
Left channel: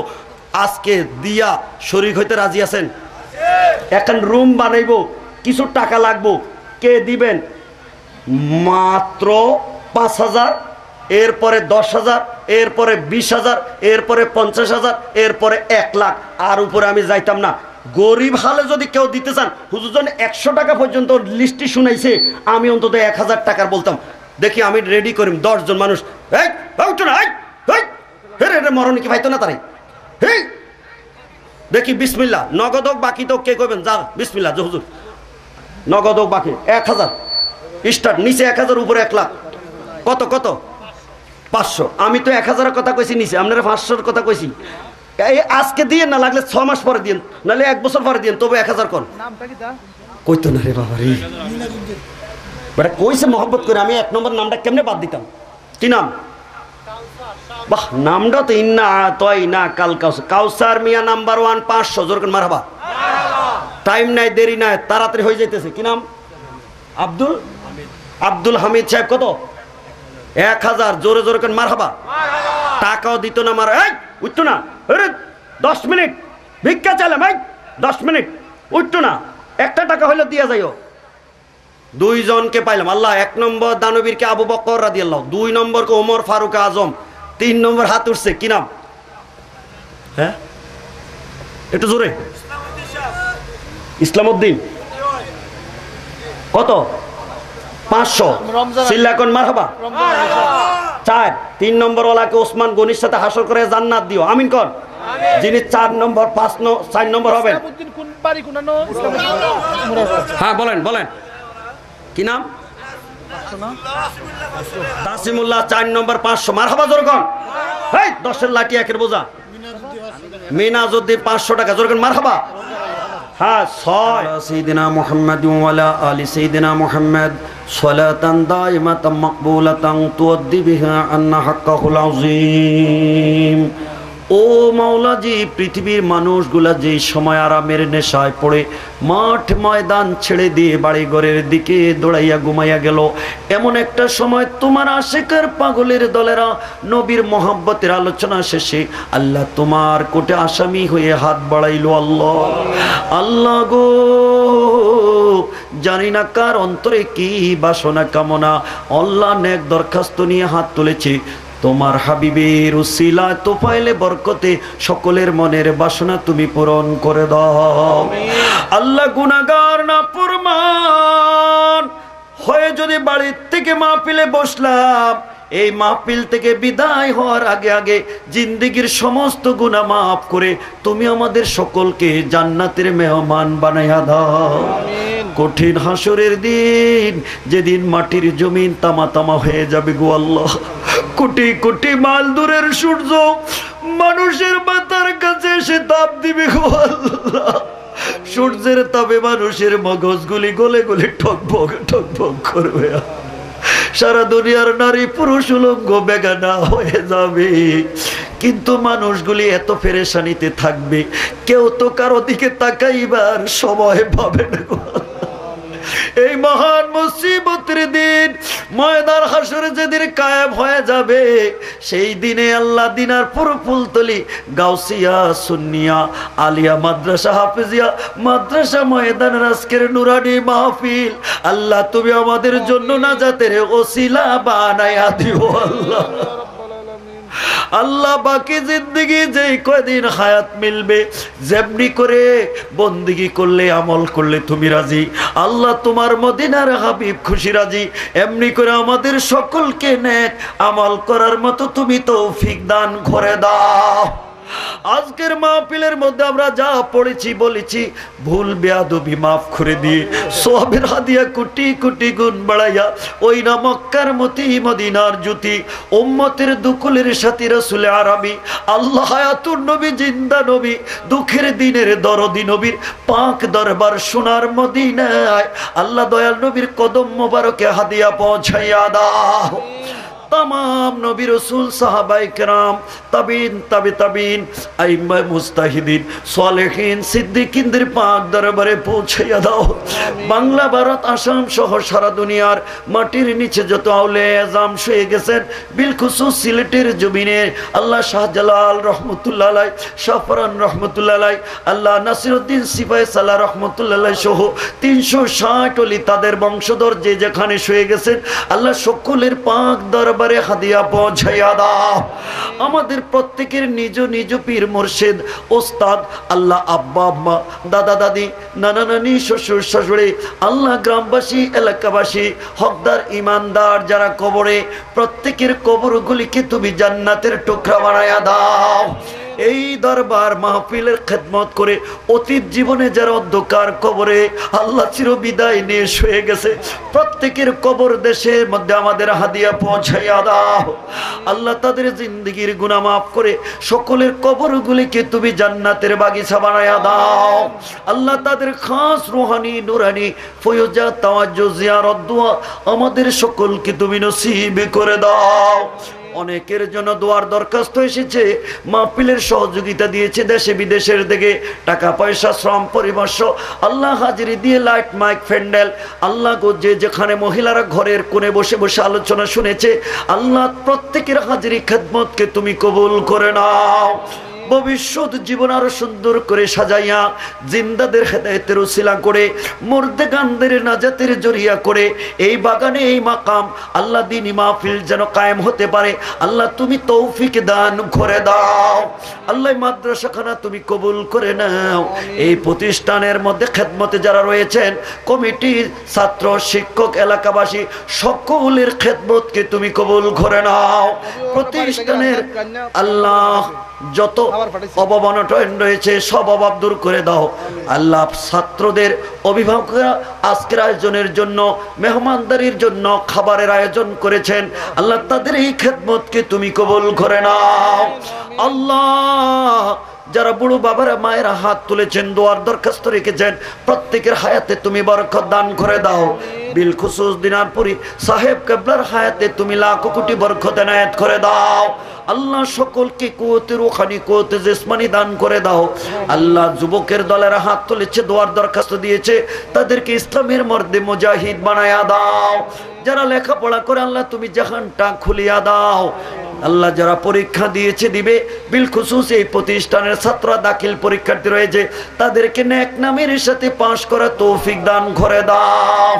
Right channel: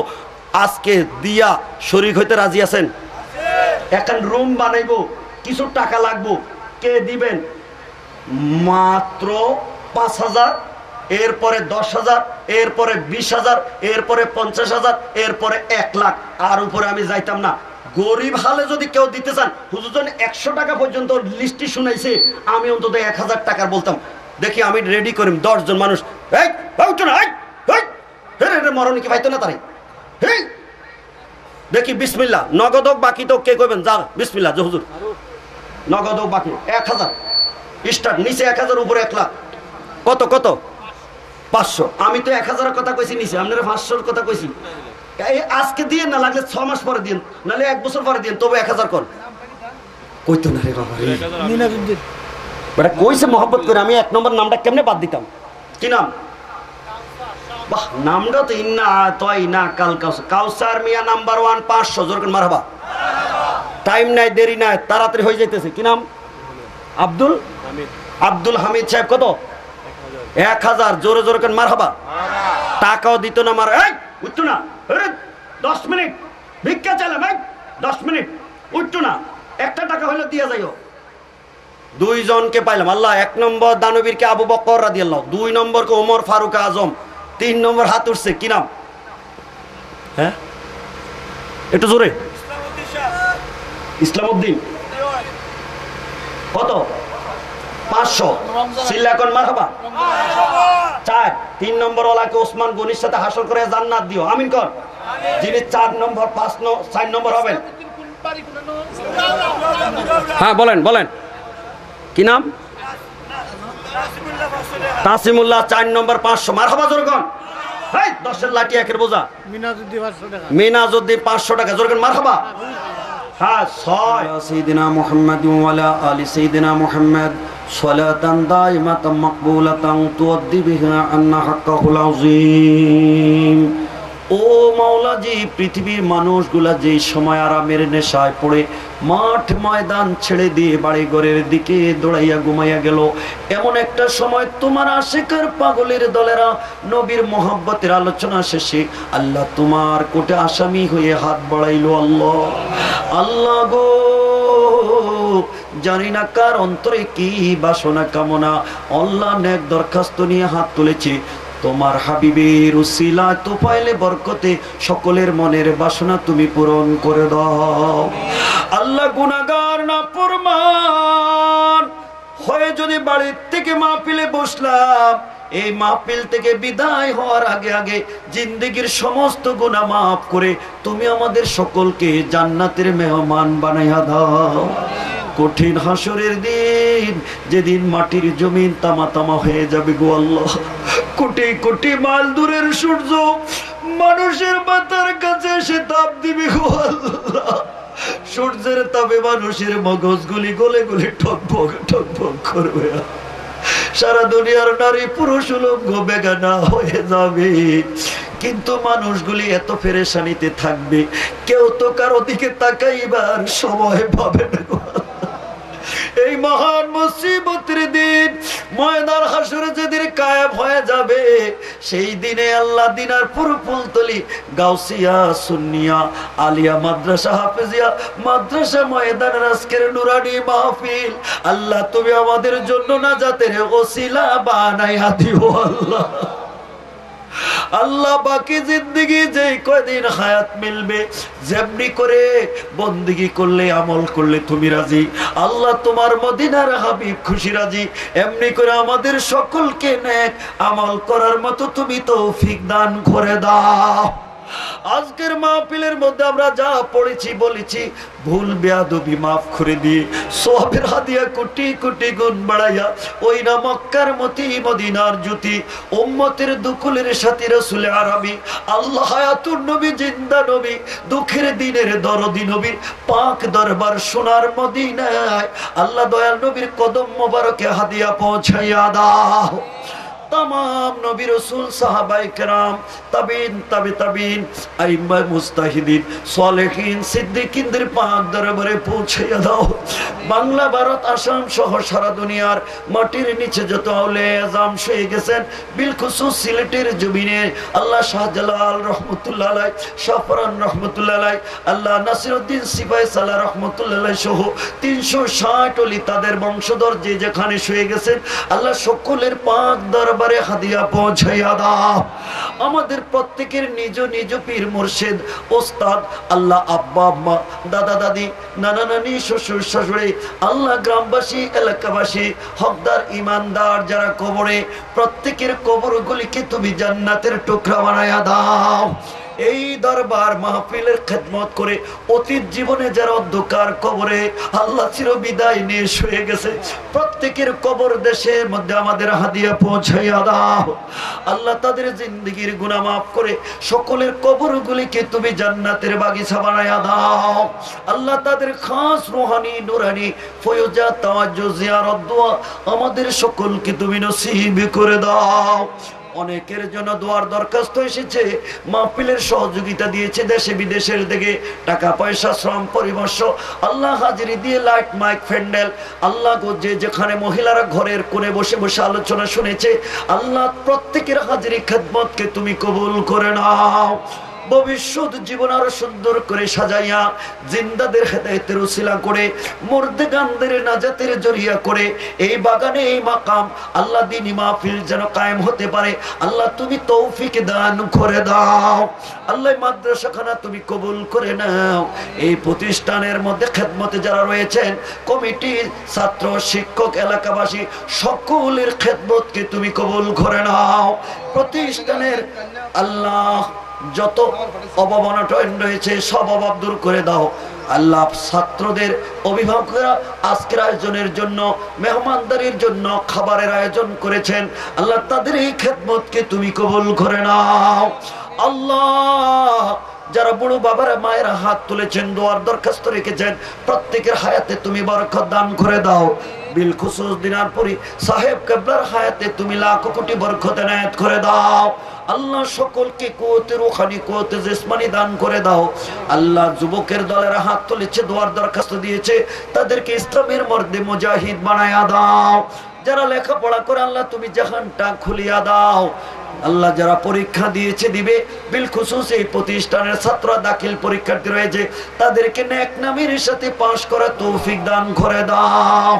আজকে দিয়া শরীক হইতে রাজি আছেন? এখন রুম বানাইবো, কিছু টাকা লাগবো, কে দিবেন? মাত্র 5,000, এরপরে 10,000, এরপরে 20,000, এরপরে 50,000, এরপরে 1 লাখ। আর উপরে আমি যাইতাম না। গরিব হালে যদি কেউ দিতে চান, হুজুর জন 100 টাকা পর্যন্ত লিস্টটি শুনাইছে, আমি অন্তত 1000 টাকার বলতাম। দেখি আমি রেডি করিম 10 জন মানুষ। মরণ কি পাইতো না তারাই? দেখি বিসমিল্লাহ, নগদ হোক বাকি তো কে কইবেন? যা বিসমিল্লাহ হুজুর, নগদ হোক বাকি 1000 স্টার্ট, নিচে 1000, উপরে 1 লাখ। কত কত? 500। আমি তো 1000-এর কথা কইছি, নিচে আপনারা 500-এর কথা কইছি। আজকে দিয়ে না, লাগলে 6 মাস পরে দিন, নাহলে 1 বছর পরে দিন, তবে 1000 কর। কইতো না রে বাবা রে, বেটা কইছে মহব্বত করে। আমি 1 নম্বর নামটা কেমনে বাদ দিতাম? কি নাম? বাহ, নামটা তো ইন্না তয় না কাল কাউসার মিয়া নাম্বার 1 500 জোর করে মারহাবা। টাইম নাই, দেরি নাই, তাড়াতাড়ি হয়ে যাইতেছে। কি নাম? আব্দুল হামিদ সাহেব। কত? 1000 জোরে জোরে করে মারহাবা। টাকাও দিত না, মার উঠতো না। 10 মিনিট ভিক্ষা চাইলাম, 10 মিনিট উঠতো না। 1 টাকা হইলে দিয়া যাইও। 2 জনকে পাইলাম। আল্লাহ 1 নম্বর দানবীরকে আবু বকর রাদিয়াল্লাহু, 2 নম্বরকে ওমর ফারুক আজম, 3 নম্বর হাত উঠছে। কি নাম? হ্যাঁ, একটু জোরে। ইসলামউদ্দিন কত? 500। সিল্লাকন মারহাবা। 4 3 নম্বর ওয়ালাকে ওসমান গনির সাথে হাসর করে জান্নাত দিও, আমিন কর। যিনি 4 নম্বর 4 নম্বর হবেন, হ্যাঁ বলেন বলেন কি নাম? তাসিমুল্লাহ 4 নম্বর 500 মারহাবা জোরে কোন। এই 10-এর লাঠি 1-এর বোঝা। মিনাজউদ্দিন 500 টাকা জোরে কোন মারহাবা। হ্যাঁ 6 সাইয়্যিদিনা মুহাম্মদ ওয়া আলা আলি সাইয়্যিদিনা মুহাম্মদ সালাতান দাইমাতান মাকবুলাতান তুআদ্দি বিহা আন্না হাক্কাহুল আযীম। ও মাওলাজি, পৃথিবীর মানুষগুলা যেই সময় আরামের নেশায় পড়ে মাঠ ময়দান ছেড়ে দিয়ে বাড়ি ঘরের দিকে দৌড়াইয়া ঘুমাইয়া গেল, এমন একটা সময় তোমার আশিকের পাগলের দলেরা নবীর মোহাব্বতের আলোচনা শেষে আল্লাহ তোমার কোটে আসামি হয়ে হাত বাড়াইল। আল্লাহ আল্লাহ গো, জানি না কার অন্তরে কি বাসনা কামনা, আল্লাহ নেক দরখাস্ত নিয়ে হাত তুলেছে। তোমার হাবিবের উসিলায় তোফাইলে বরকতে সকলের মনের বাসনা তুমি পূরণ করে দাও। আল্লাহ গুনাহগার নাফরমান হয়ে যদি বাড়ির থেকে মাহফিলে বসলাম, এই মাহফিল থেকে বিদায় হওয়ার আগে আগে জিন্দেগীর সমস্ত গুনাহ মাফ করে তুমি আমাদের সকলকে জান্নাতের মেহমান বানাইয়া দাও। কঠিন হাসরের দিন, যেদিন মাটির জমিন তামা তামা হয়ে যাবে গো আল্লাহ, কোটি কোটি মাইল দূরের সূর্য মানুষের মাথার কাছে এসে তাপ দিবে গো আল্লাহ। সূর্যের তাপে মানুষের মগজগুলি গলে গলে ঠকবক ঠকবক করবে। সারা দুনিয়ার নারী পুরুষ উলঙ্গ বেগানা হয়ে যাবে, কিন্তু মানুষগুলি এত পেরেশানিতে থাকবে, কেউ তো কারো দিকে তাকাইবার সময় পাবে না। এই মহান মুসিবতের দিন ময়দান হাসরে যেদিন কায়েম হয়ে যাবে, সেই দিনে আল্লাহ দিনারপুর ফুলতলি গাউসিয়া সুন্নিয়া আলিয়া মাদ্রাসা হাফেজিয়া মাদ্রাসা ময়দানের আজকের নুরানি মাহফিল আল্লাহ তুমি আমাদের জন্য নাজাতের ওসিলা বানাইয়া দিও। আল্লাহ আল্লাহ বাকি জিন্দেগি যেই কয়দিন হায়াত মিলবে, যেমনি করে বন্দেগি করলে আমল করলে তুমি রাজি, আল্লাহ তোমার মদিনার হাবিব খুশি রাজি, এমনি করে আমাদের সকলকে নেক আমল করার মতো তুমি তৌফিক দান করে দাও। আজকের মাহফিলের মধ্যে আমরা যা পড়েছি বলেছি ভুল বেয়াদবি মাফ করে দিয়ে সওয়াবের হাদিয়া কোটি কোটি গুণ বাড়াইয়া ওই না মক্কার মতি মদিনার জ্যোতি উম্মতের দুকুলের সাথী রাসূল আরবি আল্লাহ হায়াতুর নবী জিন্দা নবী দুঃখের দিনের দরদি নবীর পাক দরবার সোনার মদিনায় আল্লাহ দয়াল নবীর কদম মোবারকে হাদিয়া পৌঁছাইয়া দাও। तमाम नबी रसूल साहबाए किराम ताबीन ताबे ताबीन आइम्मा मुस्ताहिदीन सालेहीन सिद्दीकीनদের পাক দরবারে পৌঁছে দাও। বাংলা ভারত আসাম সহ সারা দুনিয়ার মাটির নিচে যত আউলে আজম শুয়ে গেছেন, বিলখুসুস সিলেটের জমিনে আল্লাহ শাহজালাল রহমতুল্লাহ আলাই, শাহফরান রহমতুল্লাহ আলাই, আল্লাহ নাসিরউদ্দিন সিপাহী সালাহ রহমতুল্লাহ আলাই সহ 360 ওলি তাদের বংশধর যে যেখানে শুয়ে গেছেন আল্লাহ সকলের পাক দরবারে হাদিয়া পৌঁছাইয়া দাও। আমাদের প্রত্যেকের নিজ নিজ পীর মুর্শিদ ওস্তাদ আল্লাহ আব্বা আম্মা দাদা দাদি নানা নানি শ্বশুর শাশুড়ি আল্লাহ গ্রামবাসী এলাকাবাসী হকদার ইমানদার যারা কবরে প্রত্যেকের কবরগুলিকে তুমি জান্নাতের টুকরা বানাইয়া দাও। এই দরবার মাহফিলের খেদমত করে অতীত জীবনে যারা অন্ধকার কবরে আল্লাহ চির বিদায় নিয়ে শুয়ে গেছে প্রত্যেকের কবর দেশের মধ্যে আমাদের হাদিয়া পৌঁছাইয়া দাও। আল্লাহ তাদের জিন্দেগীর গুনাহ মাফ করে সকলের কবরগুলিকে তুমি জান্নাতের বাগিচা বানাইয়া দাও। আল্লাহ তাদের খাস রুহানি নুরানি ফয়জা তাওয়াজ্জু জিয়ারত দোয়া আমাদের সকলকে তুমি নসিব করে দাও। অনেকের জন্য দোয়ার দরখাস্ত এসেছে, মাহফিলের সহযোগিতা দিয়েছে দেশে বিদেশের থেকে টাকা পয়সা শ্রম পরিমর্শ আল্লাহ হাজিরি দিয়ে লাইট মাইক ফ্যান্ডেল আল্লাহ গো যে যেখানে মহিলারা ঘরের কোণে বসে বসে আলোচনা শুনেছে আল্লাহ প্রত্যেকের হাজিরি খেদমতকে তুমি কবুল করে নাও। ভবিষ্যৎ জীবন আরো সুন্দর করে সাজাইয়া জিন্দাদের হেদায়েতের উসিলা করে মুর্দেগানদের নাজাতের জরিয়া করে এই বাগানে এই মাকাম আল্লাহ দ্বীনি মাহফিল যেন কায়েম হতে পারে আল্লাহ তুমি তৌফিক দান করে দাও। আল্লাহ মাদ্রাসাখানা তুমি কবুল করে নাও। এই প্রতিষ্ঠানের মধ্যে খেদমতে যারা রয়েছেন কমিটির ছাত্র শিক্ষক এলাকাবাসী সকলের খেদমতকে তুমি কবুল করে নাও। প্রতিষ্ঠানের আল্লাহ যত অভাব অনটন রয়েছে সব অভাব দূর করে দাও। আল্লাহ ছাত্রদের অভিভাবকরা আজকের আয়োজনের জন্য মেহমানদারির জন্য খাবারের আয়োজন করেছেন আল্লাহ তাদের এই খেদমতকে তুমি কবুল করে নাও। আল্লাহ যারা বুড়ো বাবারা মায়েরা হাত তুলেছেন দোয়ার দরখাস্ত রেখেছেন প্রত্যেকের হায়াতে তুমি বরকত দান করে দাও। বিল খুসুস দিনারপুরি সাহেব কেবলার হায়াতে তুমি লাখ কোটি বরকত এনায়েত করে দাও। আল্লাহ সকলকে কুওয়াতে রূহানি কুওয়াতে জিসমানি দান করে দাও। আল্লাহ যুবকের দলের হাত তুলেছে দোয়ার দরখাস্ত দিয়েছে তাদেরকে ইসলামের মর্দে মুজাহিদ বানায়া দাও। যারা লেখাপড়া করে আল্লাহ তুমি জাহানটা খুলিয়া দাও। আল্লাহ যারা পরীক্ষা দিয়েছে দিবে বিল খুসুস এই প্রতিষ্ঠানের ছাত্র দাখিল পরীক্ষার্থী রয়েছে তাদেরকে নেক নামের সাথে পাশ করা তৌফিক দান করে দাও।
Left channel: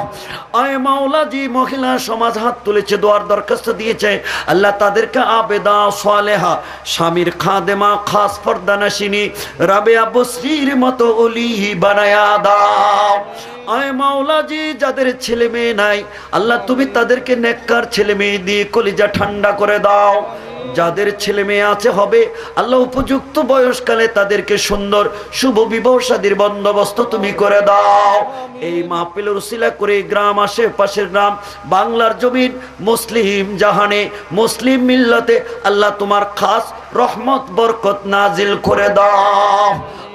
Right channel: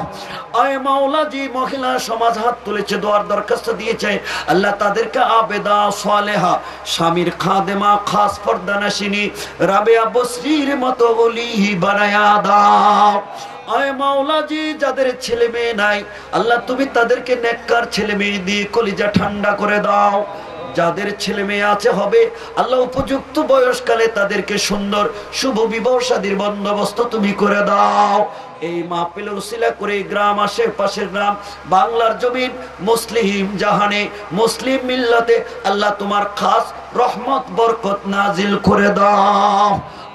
আয় মাওলা জি মহিলা সমাজ হাত তুলেছে দোয়ার দরখাস্ত দিয়েছে আল্লাহ তাদেরকে আবেদা সালেহা স্বামীর খাদেমা খাস পর্দানাশিনী রাবেয়া বসরির মতো ওলি বানায়া দাও। আয় মাওলা জি যাদের ছেলে মেয়ে নাই আল্লাহ তুমি তাদেরকে নেককার ছেলে মেয়ে দিয়ে কলিজা ঠান্ডা করে দাও। যাদের ছেলে মেয়ে আছে হবে আল্লাহ উপযুক্ত বয়সকালে তাদেরকে সুন্দর শুভ বিবাহ শাদীর বন্দোবস্ত তুমি করে দাও। এই মাহফিলের উসিলা করে গ্রাম আশেপাশের গ্রাম বাংলার জমিন মুসলিম জাহানে মুসলিম মিল্লাতে আল্লাহ তোমার খাস রহমত বরকত নাজিল করে দাও।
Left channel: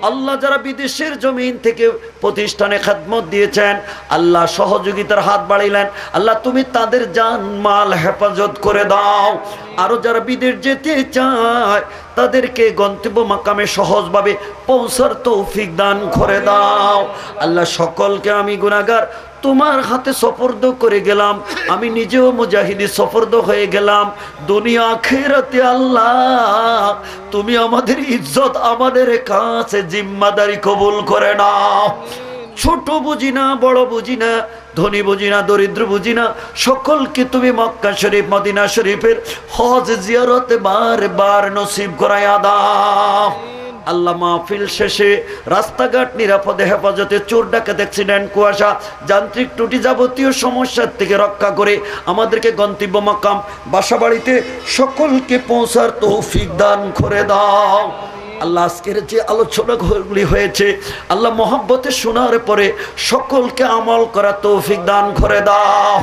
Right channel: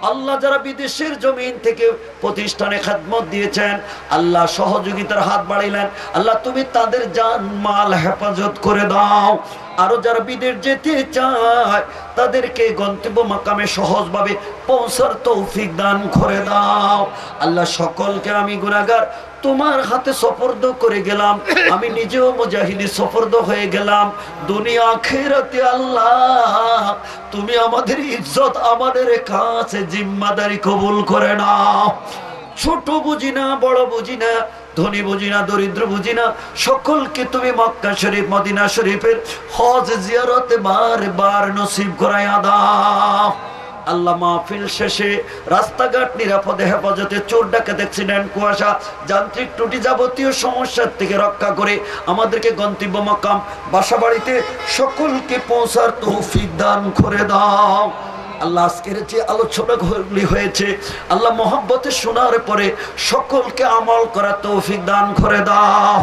আল্লাহ যারা বিদেশের জমিন থেকে প্রতিষ্ঠানে খেদমত দিয়েছেন আল্লাহ সহযোগিতার হাত বাড়াইলেন আল্লাহ তুমি তাদের জান মাল হেফাজত করে দাও। আরো যারা বিদেশ যেতে চায় তাদেরকে গন্তব্য মাকামে সহজভাবে পৌঁছার তৌফিক দান করে দাও। আল্লাহ সকলকে আমি গুনাহগার তোমার হাতে সফরদ করে গেলাম আমি নিজেও মুজাহিদি সফরদ হয়ে গেলাম দুনিয়া আখিরাতে আল্লাহ তুমি আমাদের ইজ্জত আমাদের কাছে জিম্মাদারি কবুল করে নাও। ছোট বুঝি না বড় বুঝি না ধনী বুঝি না দরিদ্র বুঝি না সকলকে তুমি মক্কা শরীফ মদিনা শরীফের হজ জিয়ারতে বারবার নসিব করায়া দাও। আল্লাহ মাহফিল শেষে রাস্তাঘাট নিরাপদে হেফাজতে চোর ডাকাত অ্যাক্সিডেন্ট কুয়াশা যান্ত্রিক ত্রুটি যাবতীয় সমস্যার থেকে রক্ষা করে আমাদেরকে গন্তব্য মাকাম বাসাবাড়িতে সকলকে পৌঁছার তৌফিক দান করে দাও। আল্লাহ আজকের যে আলোচনাগুলি হয়েছে আল্লাহ মহব্বতে শোনার পরে সকলকে আমল করা তৌফিক দান করে দাও।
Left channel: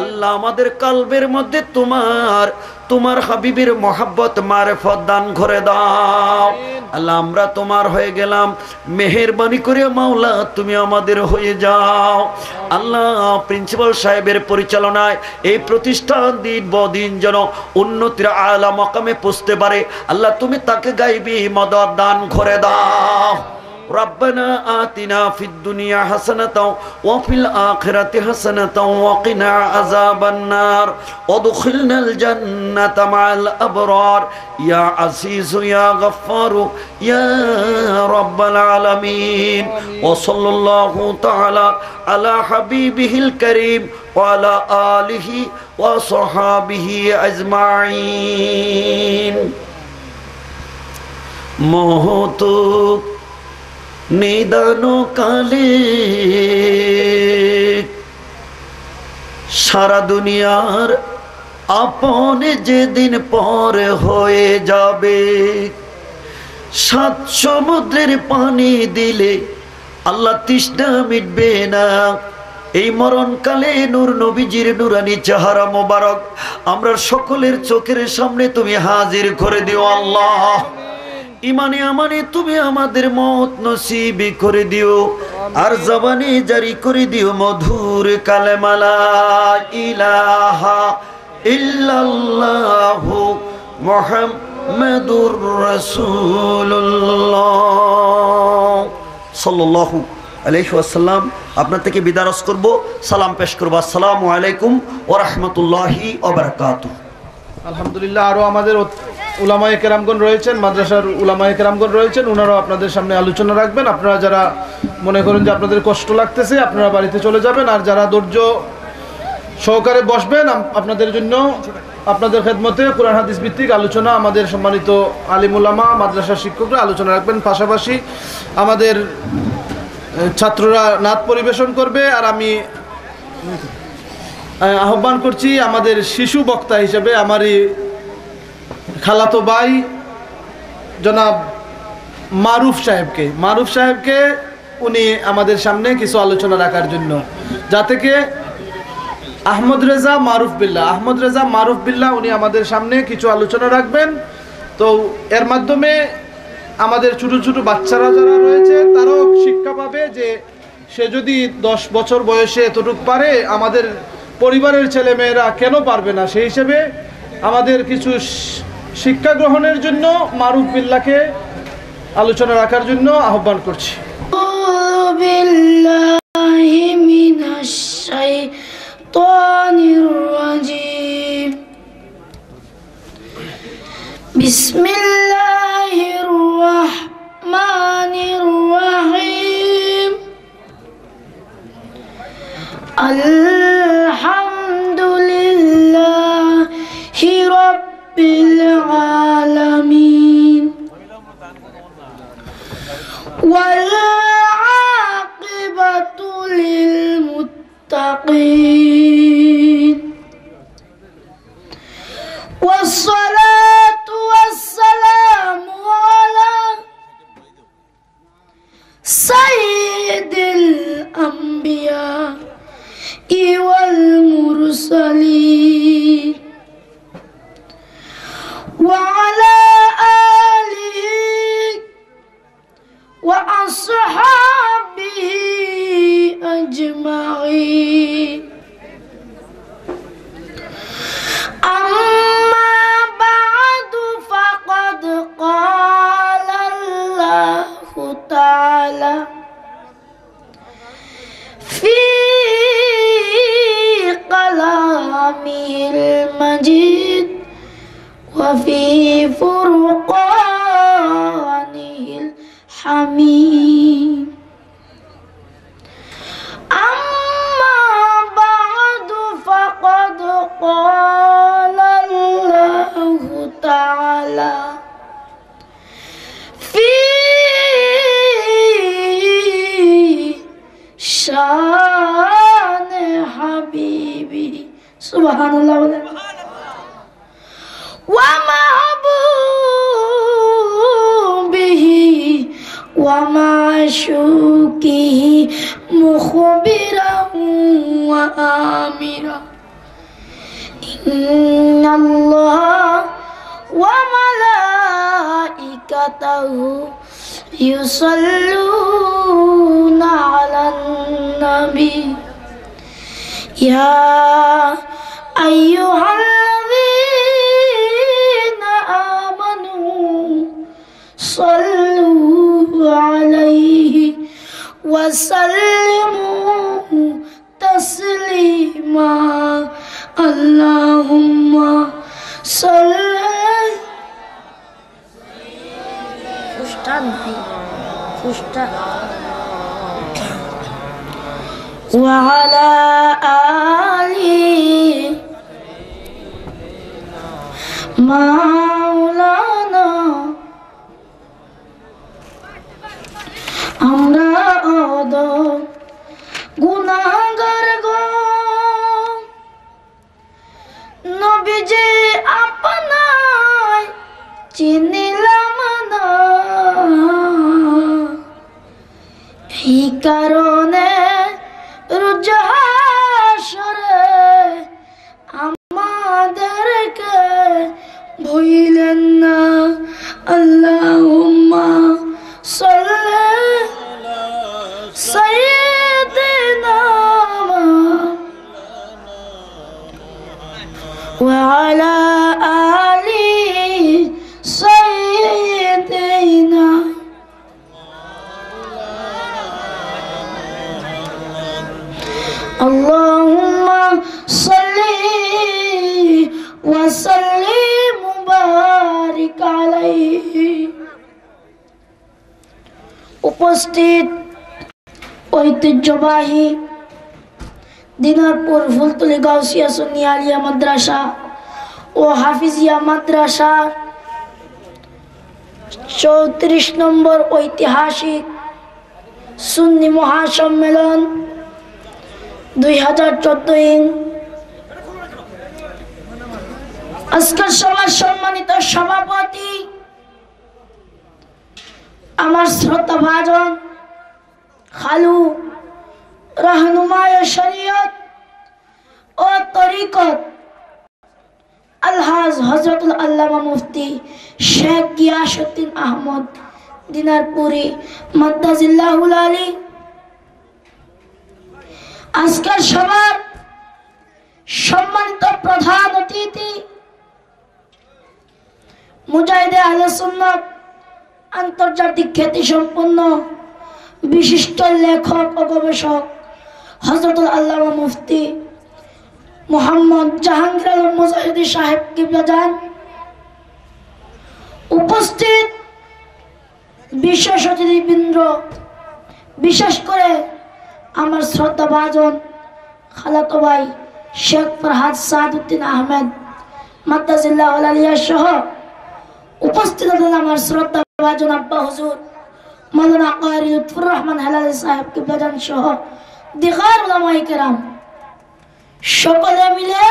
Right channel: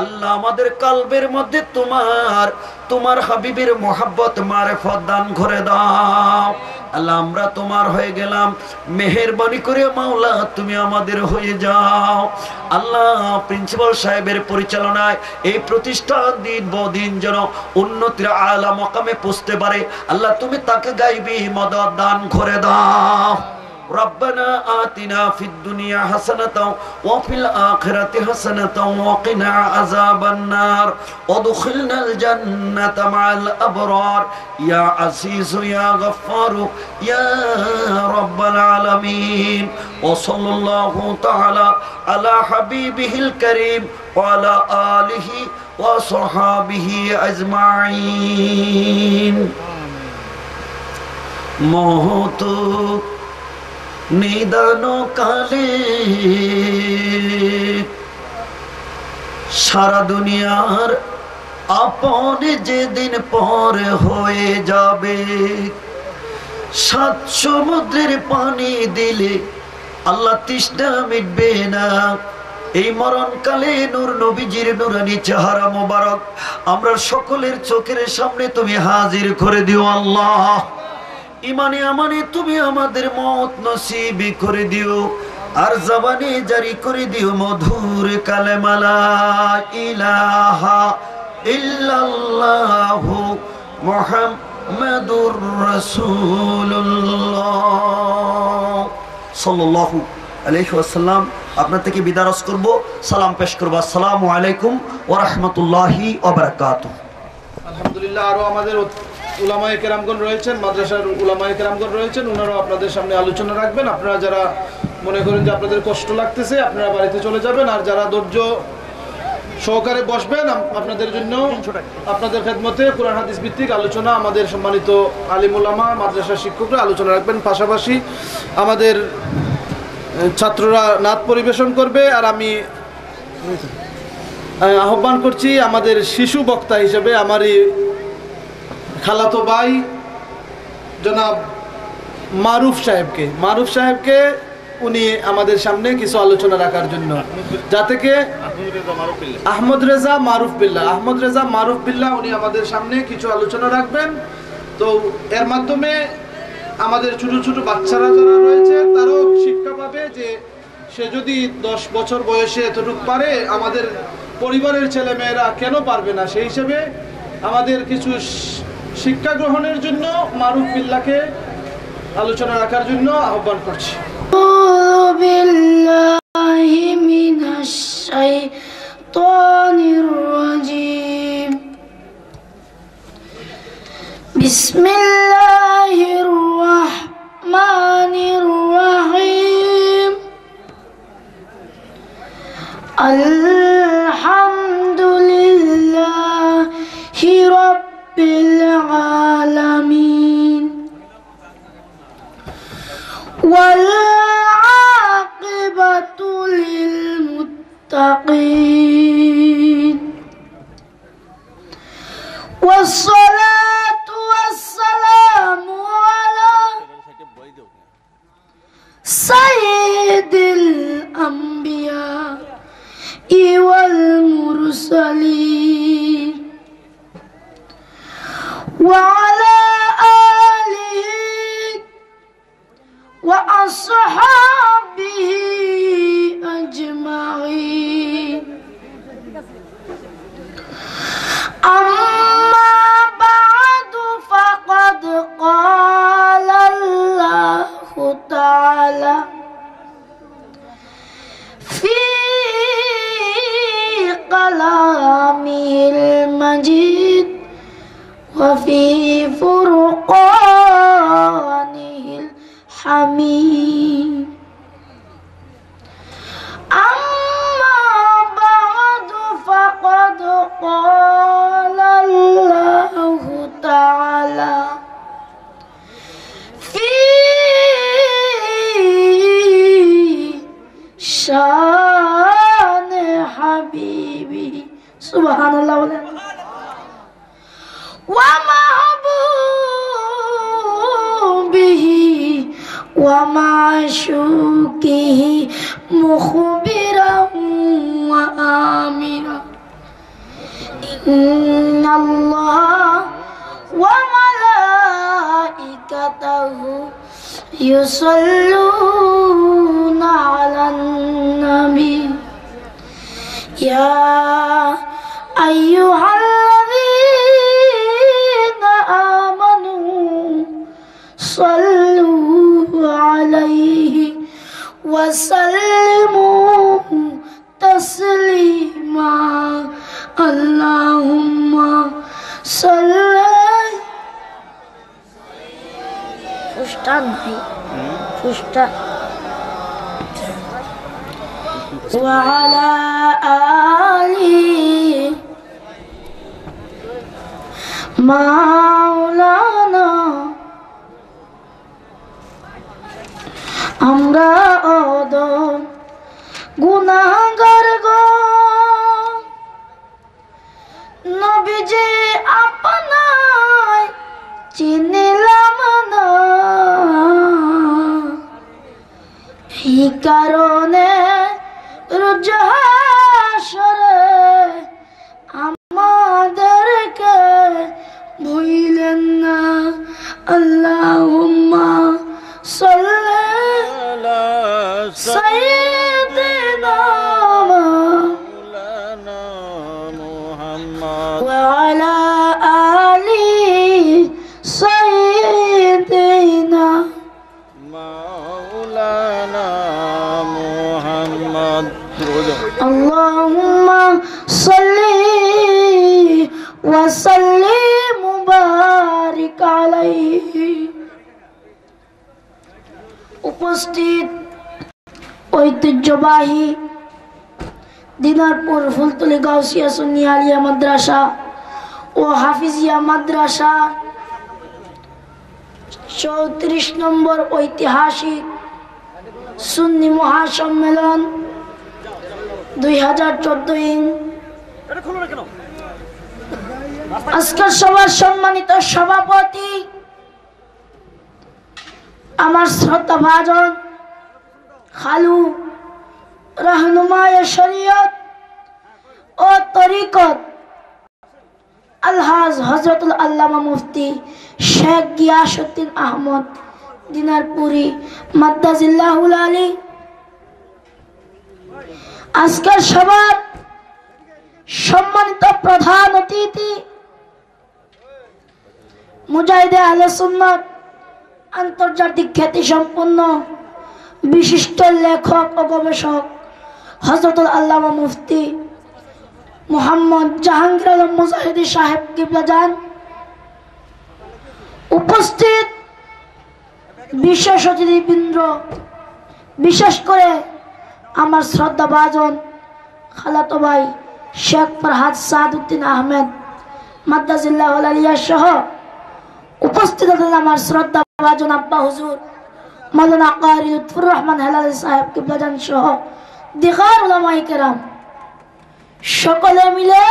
আল্লাহ আমাদের কলবের মধ্যে তোমার হাবিবের মহব্বত মারিফত দান করে দাও। আল্লাহ আমরা তোমার হয়ে গেলাম মেহেরবানি করে মাওলা তুমি আমাদের হয়ে যাও। আল্লাহ প্রিন্সিপাল সাহেবের পরিচালনায় এই প্রতিষ্ঠান দিন বদিন যেন উন্নতির আলা মাকামে পৌঁছতে পারে আল্লাহ তুমি তাকে গাইবি মদদ দান করে দাও। ربنا آتنا في الدنيا حسنة وفي الآخرة حسنة وقنا عذاب النار وادخلنا الجنة مع الأبرار يا عزيز يا غفار يا رب العالمين وصلى الله تعالى على حبيبه الكريم وعلى آله وصحابه أجمعين موتو নিদান কালে সারা দুনিয়ার আপন যেদিন পর হয়ে যাবে 7 সমুদ্রের পানি দিলে আল্লাহ তৃষ্ণা মিটবে না। এই মরণকালে নূর নবীজির নুরানি চেহারা মোবারক আমরা সকলের চোখের সামনে তুমি হাজির করে দিও আল্লাহ। ইমানে আমানে তুমি আমাদের মত নসিব করে দিও আর জবানে জারি করে দিও মধুর কালেমা লা ইলাহা ইল্লাল্লাহু মুহাম্মাদুর রাসূলুল্লাহ সাল্লাল্লাহু আলাইহি ওয়াসাল্লাম। আপনার থেকে বিদায় করব, সালাম পেশ করব। আসসালামু আলাইকুম ওয়া রাহমাতুল্লাহি ওয়া বারাকাতুহু। আলহামদুলিল্লাহ। আরো আমাদের উলামায়ে কেরামগণ রয়েছেন, মাদ্রাসার উলামায়ে কেরামগণ রয়েছেন, ওনারাও আপনাদের সামনে আলোচনা রাখবেন। আপনারা যারা মনে করেন যে আপনাদের কষ্ট লাগতেছে, আপনারা বাড়িতে চলে যাবেন। আর যারা ধৈর্য সহকারে বসবেন, আপনাদের জন্য আপনাদের খেদমতে কোরআন হাদিস ভিত্তিক আলোচনা আমাদের সম্মানিত আলিম উলামা, মাদ্রাসার শিক্ষকরা আলোচনা রাখবেন। পাশাপাশি আমাদের ছাত্ররা নাত পরিবেশন করবে। আর আমি আহ্বান করছি আমাদের শিশু বক্তা হিসেবে আমারই খালাতো ভাই জনাব মারুফ সাহেবকে উনি আমাদের সামনে কিছু আলোচনা রাখার জন্য, যাতে কে আহমদ রেজা মারুফ বিল্লাহ উনি আমাদের সামনে কিছু আলোচনা রাখবেন। তো এর মাধ্যমে আমাদের ছোট ছোট বাচ্চারা যারা রয়েছে তারাও শিক্ষা পাবে যে সে যদি 10 বছর বয়সে এতটুকু পারে, আমাদের পরিবারের ছেলেমেয়েরা কেন পারবে না। সেই হিসেবে আমাদের কিছু শিক্ষা গ্রহণের জন্য মারুফ বিল্লাহকে আলোচনা রাখার জন্য আহ্বান করছি। বিসমিল্লাহির রাহমানির রাহিম। আলহামদুলিল্লাহি রাব্বিল আলামিন ওয়াল আকিবাতু লিল মুত্তাকিন والصلاة والسلام على سيد الأنبياء والمرسلين وعلى آله وأصحابه أجمعين. أما بعد فقد قال الله تعالى في كلامه المجيد وفي فرقانه الحميد. أما بعد فقد قال الله تعالى في شان حبيبه سبحان الله ومحبوبه ومعشوقه مخبرا وآمرا إن الله وملائكته يصلون على النبي يا أيها الذين آمنوا صلوا عليه وسلموا تسليما. اللهم صل وعلى آله মাওলানা। আমরা অদম গুনাহগার গো, নবীজি আপনায় চিনিলাম না, এই কারণে রোজ হাসরে আমাদেরকে ভুলেন না। আল্লাহুম্মা সাল্লি আলা সাইয়্যিদিনা মাওলানা মুহাম্মদ ওয়া আলা আলি সাইয়্যিদিনা মাওলানা মুহাম্মদ। اللهم صل وسلم وبارك شريك عليه উপস্থিত ঐতিহ্যবাহী দিনারপুর ফুলতলি গাউসিয়া সুন্নিয়া আলিয়া মাদ্রাসা ও হাফিজিয়া মাদ্রাসা 34 নম্বর ঐতিহাসিক সুন্নি মহাসম্মেলন 2014 আজকের সভার সম্মানিত সভাপতি আমার শ্রদ্ধাভাজন খালু রাহনুমায়ে শরীয়ত ও তরিকত আলহাজ হযরতুল আল্লামা মুফতি শেখ গিয়াসউদ্দিন আহমদ দিনারপুরি মাদ্দাজিল্লাহুল আলী, আজকের সভার সম্মানিত প্রধান অতিথি মুজাহিদে আহলে সুন্নাত আন্তর্জাতিক খ্যাতি সম্পন্ন বিশিষ্ট লেখক ও গবেষক হযরতুল আল্লামা মুফতি মুহাম্মদ জাহাঙ্গীর আলম মুজাহিদি সাহেব কিবলা জান, উপস্থিত বিশেষ অতিথিবৃন্দ, বিশেষ করে আমার শ্রদ্ধাভাজন খালাতো ভাই শেখ ফরহাদ সাদউদ্দিন আহমেদ মাদ্দাজিল্লাহুল আলিয়া সহ উপস্থিত আছেন আমার শ্রদ্ধাভাজন আব্বা হুজুর মাওলানা কারি লুৎফুর রহমান হেলালি সাহেব কিবলা জান সহ দিগার উলামায়ে কেরাম, সকলে মিলে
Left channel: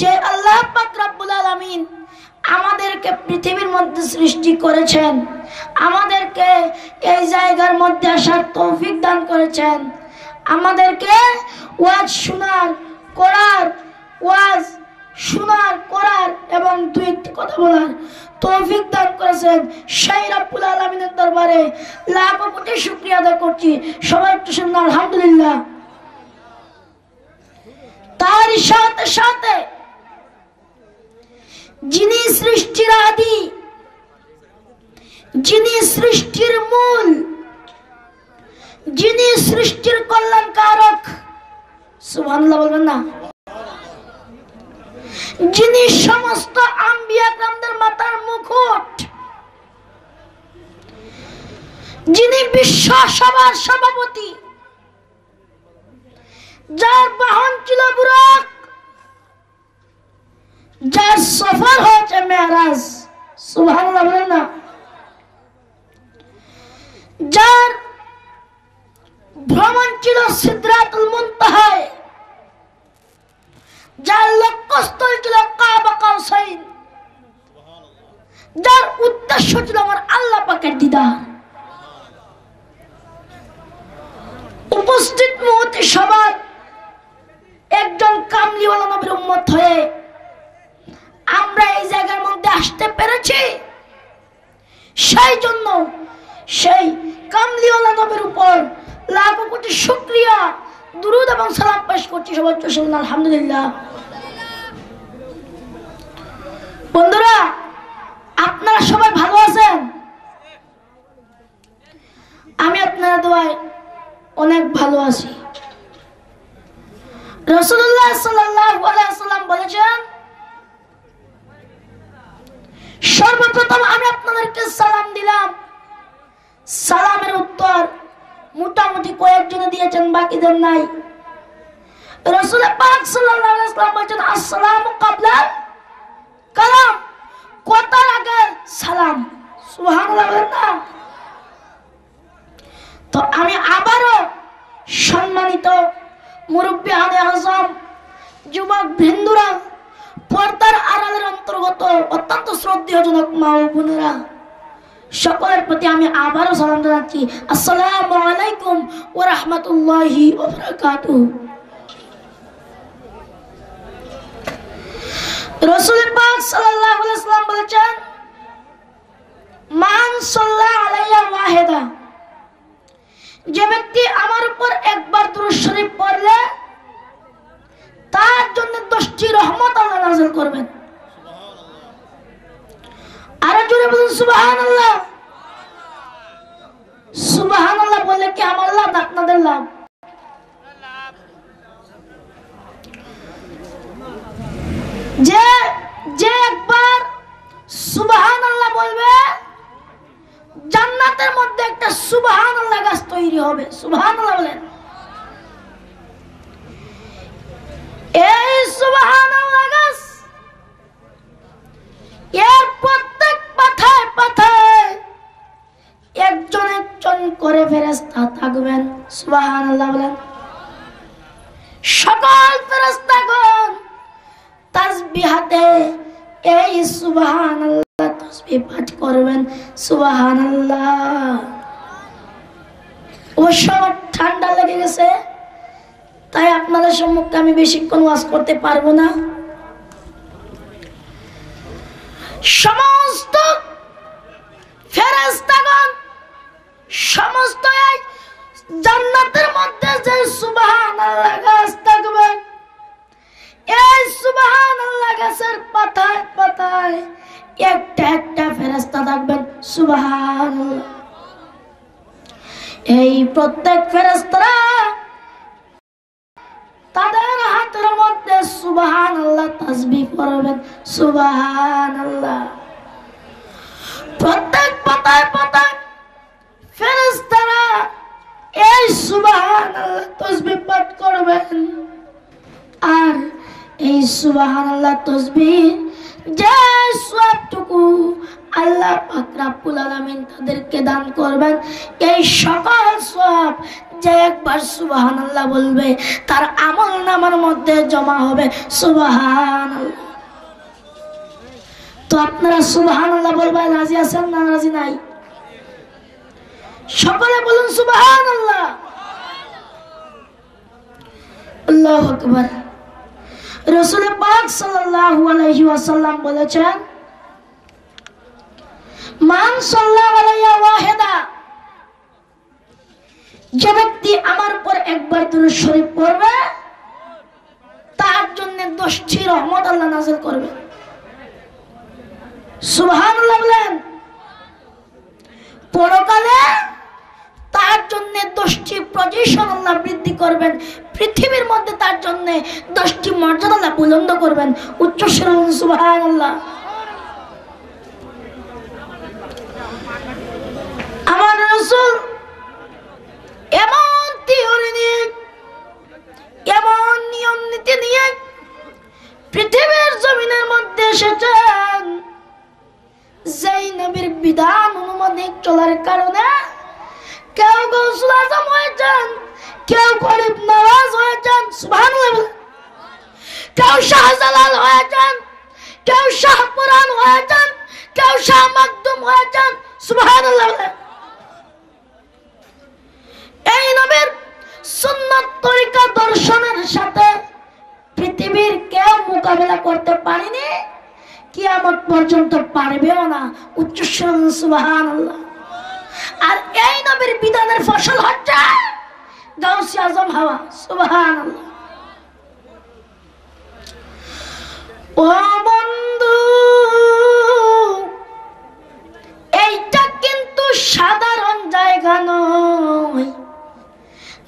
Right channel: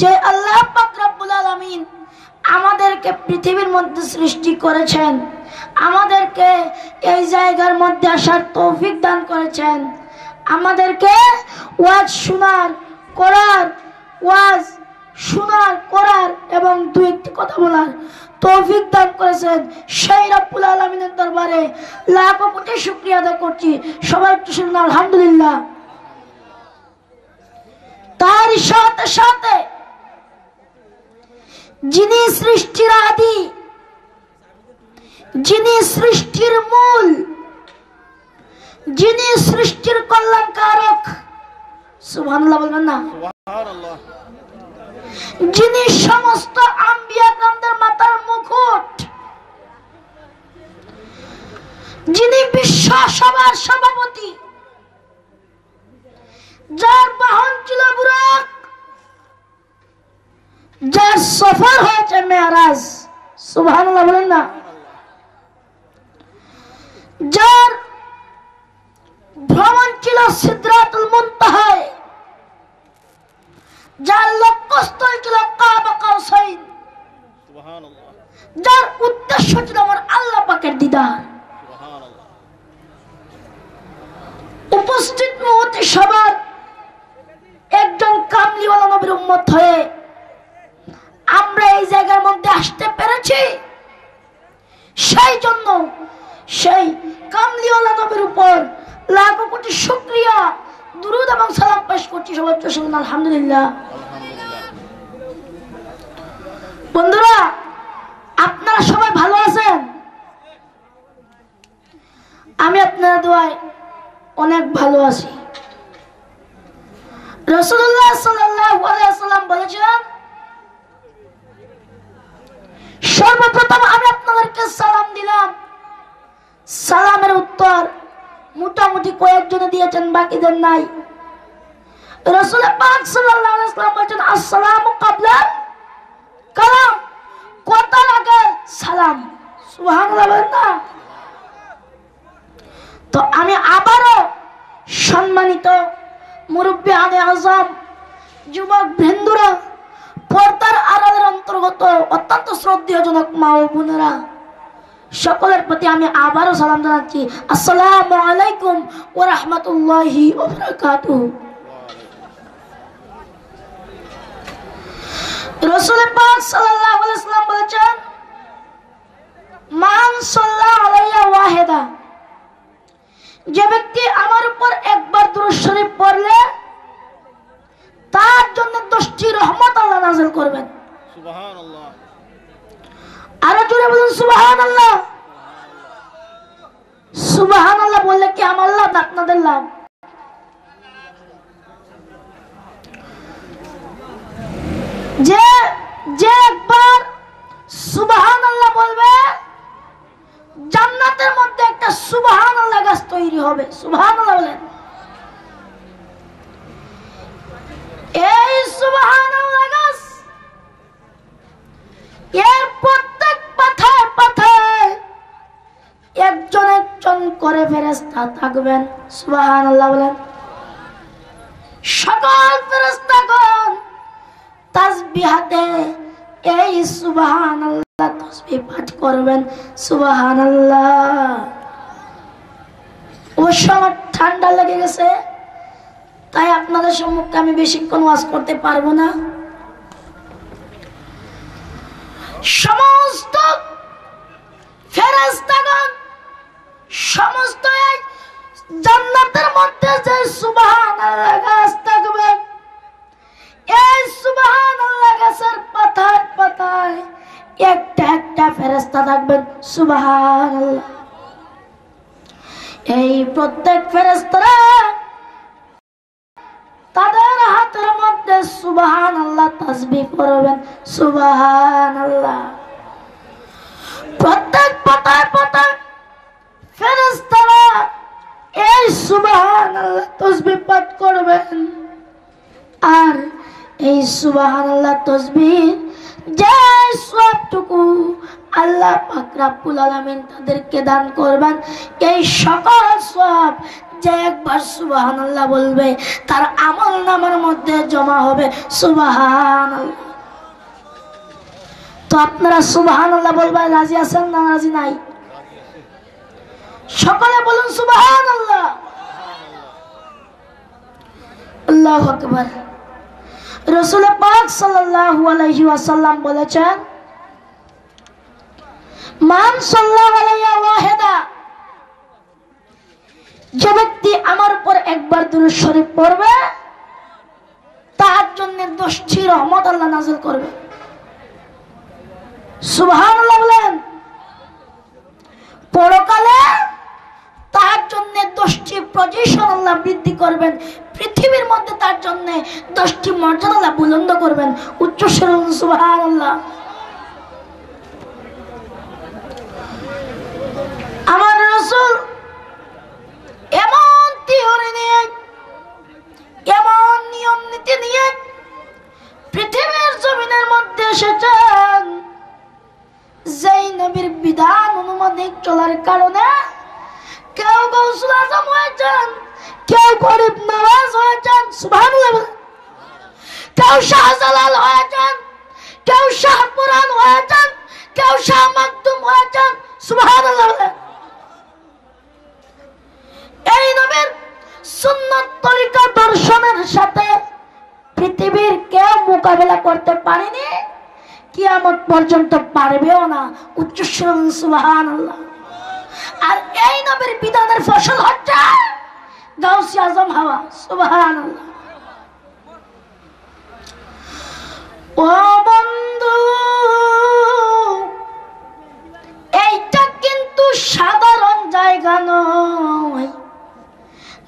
যে আল্লাহ পাক রব্বুল আলামিন আমাদেরকে পৃথিবীর মধ্যে সৃষ্টি করেছেন, আমাদেরকে এই জায়গার মধ্যে আসার তৌফিক দান করেছেন, আমাদেরকে ওয়াজ শোনার করার এবং দুইটি কথা বলার তৌফিক দান করেছেন, সেই রব্বুল আলামিনের দরবারে লাখ কোটি শুকরিয়া আদায় করছি। সবাই একটু শুনুন আলহামদুলিল্লাহ। তার সাথে সাথে যিনি সৃষ্টির আদি, যিনি সৃষ্টির মূল, যিনি সৃষ্টির কল্যাণকারক, সুবহানাল্লাহ বলবেন না, যিনি সমস্ত আম্বিয়া کرامদের মাথার মুকুট, যিনি বিশ্ব সভার সভাপতি, যার বাহন ছিল বুরাক, যার সফর হয়েছে মেরাজ, সুবহানাল্লাহ বলেন না, যার ভ্রমণ ছিল সিদরাতুল মুনতাহায়, যার লক্ষ্যস্থল ছিল কাবা কাউসাইন, যার উদ্দেশ্য ছিল আমার আল্লাহ পাকের দিদার। উপস্থিত মুহূর্তে সবার একজন কামলিওয়ালা নবীর উম্মত হয়ে আমরা এই জায়গার মধ্যে আসতে পেরেছি, সেই জন্য সেই কামলিওয়ালা নবীর উপর লাখ কোটি শুকরিয়া, দুরূদ এবং সালাম পেশ করছি। সবাই শুনুন আলহামদুলিল্লাহ। বন্ধুরা, আপনারা সবাই ভালো আছেন? আমি আপনাদের দোয়ায় অনেক ভালো আছি। রাসূলুল্লাহ সাল্লাল্লাহু আলাইহি ওয়াসাল্লাম বলেছেন, সর্বপ্রথম আমি আপনাদেরকে সালাম দিলাম, সালামের উত্তর মোটামুটি কয়েকজনে দিয়েছেন, বাকিদের নাই। রাসূল পাক সাল্লাল্লাহু আলাইহি ওয়াসাল্লাম বলেছেন, আসসালামু ক্বাবলা কালাম, কথার আগে সালাম। সুবহানাল্লাহ। তো আমি আবারও সম্মানিত মুরব্বিয়ানে আযম, যুবক বৃন্দরা, পর্দার আড়ালের অন্তর্গত অত্যন্ত শ্রদ্ধেয়জনক মা ও বোনেরা, সকলের প্রতি আমি আবারও সালাম জানাচ্ছি। আসসালামু আলাইকুম ওয়া রাহমাতুল্লাহি ওয়া বারাকাতুহু। রাসূল পাক সাল্লাল্লাহু আলাইহি ওয়াসাল্লাম বলেছেন, মান সাল্লা আলাইয়া ওয়াহিদা, যে ব্যক্তি আমার উপর একবার দুরূদ শরীফ পড়লে তার জন্য 10টি রহমত আল্লাহ নাযিল করবেন। সুবহানাল্লাহ। আরো জোরে বলুন সুবহানাল্লাহ। সুবহানাল্লাহ বললে কি আমার লাভ, আপনাদের লাভ? যে একবার সুবহান হবে। সুবহানাল্লাহ বলেন। এই সুবহানাল্লাহ গাছ এর প্রত্যেক পাতায় পাতায় একজন একজন করে ফেরেশতা থাকবেন। সুবহানাল্লাহ বলেন। সকল ফেরেশতাগণ তাসবিহ হাতে এই সুবহানাল্লাহ তাসবিহ পাঠ করবেন। সুবহানাল্লাহ। অবশ্য আমার ঠান্ডা লেগে গেছে, তাই আপনাদের সম্মুখে আমি বেশিক্ষণ ওয়াজ করতে পারবো না। সমস্ত ফেরেশতাগণ সমস্ত এই জান্নাতের মধ্যে যে সুবহানাল্লাহ গাছ থাকবে, এই সুবহানাল্লাহ গাছের পাতায় পাতায় একটা একটা ফেরেশতা থাকবেন। সুবহানাল্লাহ। এই প্রত্যেক ফেরেশতারা তাদের হাতের মধ্যে সুবহানাল্লাহ তাসবিহ করবেন। সুবহানাল্লাহ। প্রত্যেক পাতায় পাতায় ফেরেশতারা এই সুবহানাল্লাহ তাসবিহ পাঠ করবেন। আর এই সুবহানাল্লাহ তাসবিহ যে সবটুকু আল্লাহ পাক রব্বুল আলামিন তাদেরকে দান করবেন, এই সকল সওয়াব যে একবার সুবহানাল্লাহ বলবে তার আমলনামার মধ্যে জমা হবে। সুবহানাল্লাহ। তো আপনারা সুবহানাল্লাহ বলবেন রাজি আছেন না রাজি নাই? সকলে বলুন সুবহানাল্লাহ। আল্লাহু আকবার। রাসূল পাক সাল্লাল্লাহু আলাইহি ওয়াসাল্লাম বলেছেন, মান সাল্লাল্লাহু আলাইহি ওয়াহিদা, যে ব্যক্তি আমার উপর একবার দুরূদ শরীফ পড়বে তার জন্য 10টি রহমত আল্লাহ নাযিল করবে। সুবহানাল্লাহ বলেন। পরকালে তার জন্য 10টি পজিশন আল্লাহ বৃদ্ধি করবেন, পৃথিবীর মধ্যে তার জন্য 10টি মর্যাদা আল্লাহ বুলন্দ করবেন। উচ্চ স্বরে বলুন সুবহানাল্লাহ। আমার রাসূল এমন থিওরি নিয়ে, এমন নিয়ম নীতি নিয়ে পৃথিবীর জমিনের মধ্যে এসেছেন, যেই নবীর বিধান অনুমানিক চলার কারণে কেউ গৌসুল আজম হয়েছেন, কেউ গরিব নওয়াজ হয়েছেন। সুবহানাল্লাহ। কেউ শাহজালাল হয়েছেন, কেউ শাহপুরান হয়েছেন, কেউ শাহ মাকদুম হয়েছেন। সুবহানাল্লাহ। এই নবীর সুন্নাত তরিকা দর্শনের সাথে পৃথিবীর কেউ মোকাবেলা করতে পারেনি, কিয়ামত পর্যন্ত পারবেও না। উচ্চ স্বরে সুবহানাল্লাহ। আর এই নবীর বিধানের ফসল হচ্ছে গাউসে আজম হওয়া। সুবহানাল্লাহ। ও বন্ধু, এইটা কিন্তু সাধারণ জায়গা নয়।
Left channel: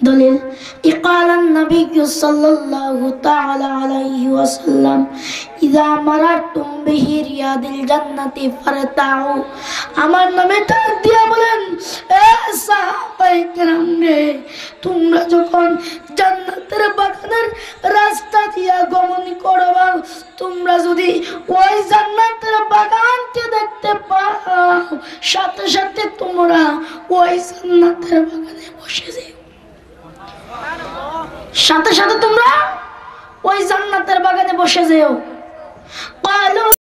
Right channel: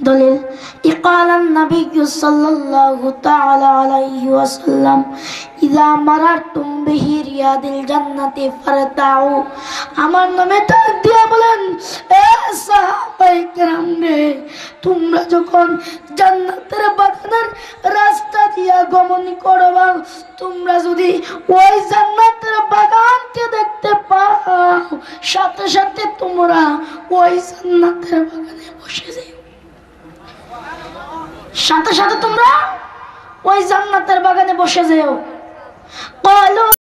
দলিল ইকালান নবী সাল্লাল্লাহু তাআলা আলাইহি ওয়াসাল্লাম, ইযা মারাতুম বিহি রিয়াদিল জান্নাতি ফারতাউ। আমার নামে ডাক দিয়া বলেন, এ সাহাবায়ে কেরাম রে, তোমরা যখন জান্নাতের বাগানের রাস্তা দিয়া গমন করবা, তোমরা যদি ওই জান্নাতের বাগানকে দেখতে পাও, সাথে সাথে তোমরা ওই জান্নাতের বাগানে বসে যাও। সাথে সাথে তোমরা ওই জান্নাতের বাগানে বসে যেও।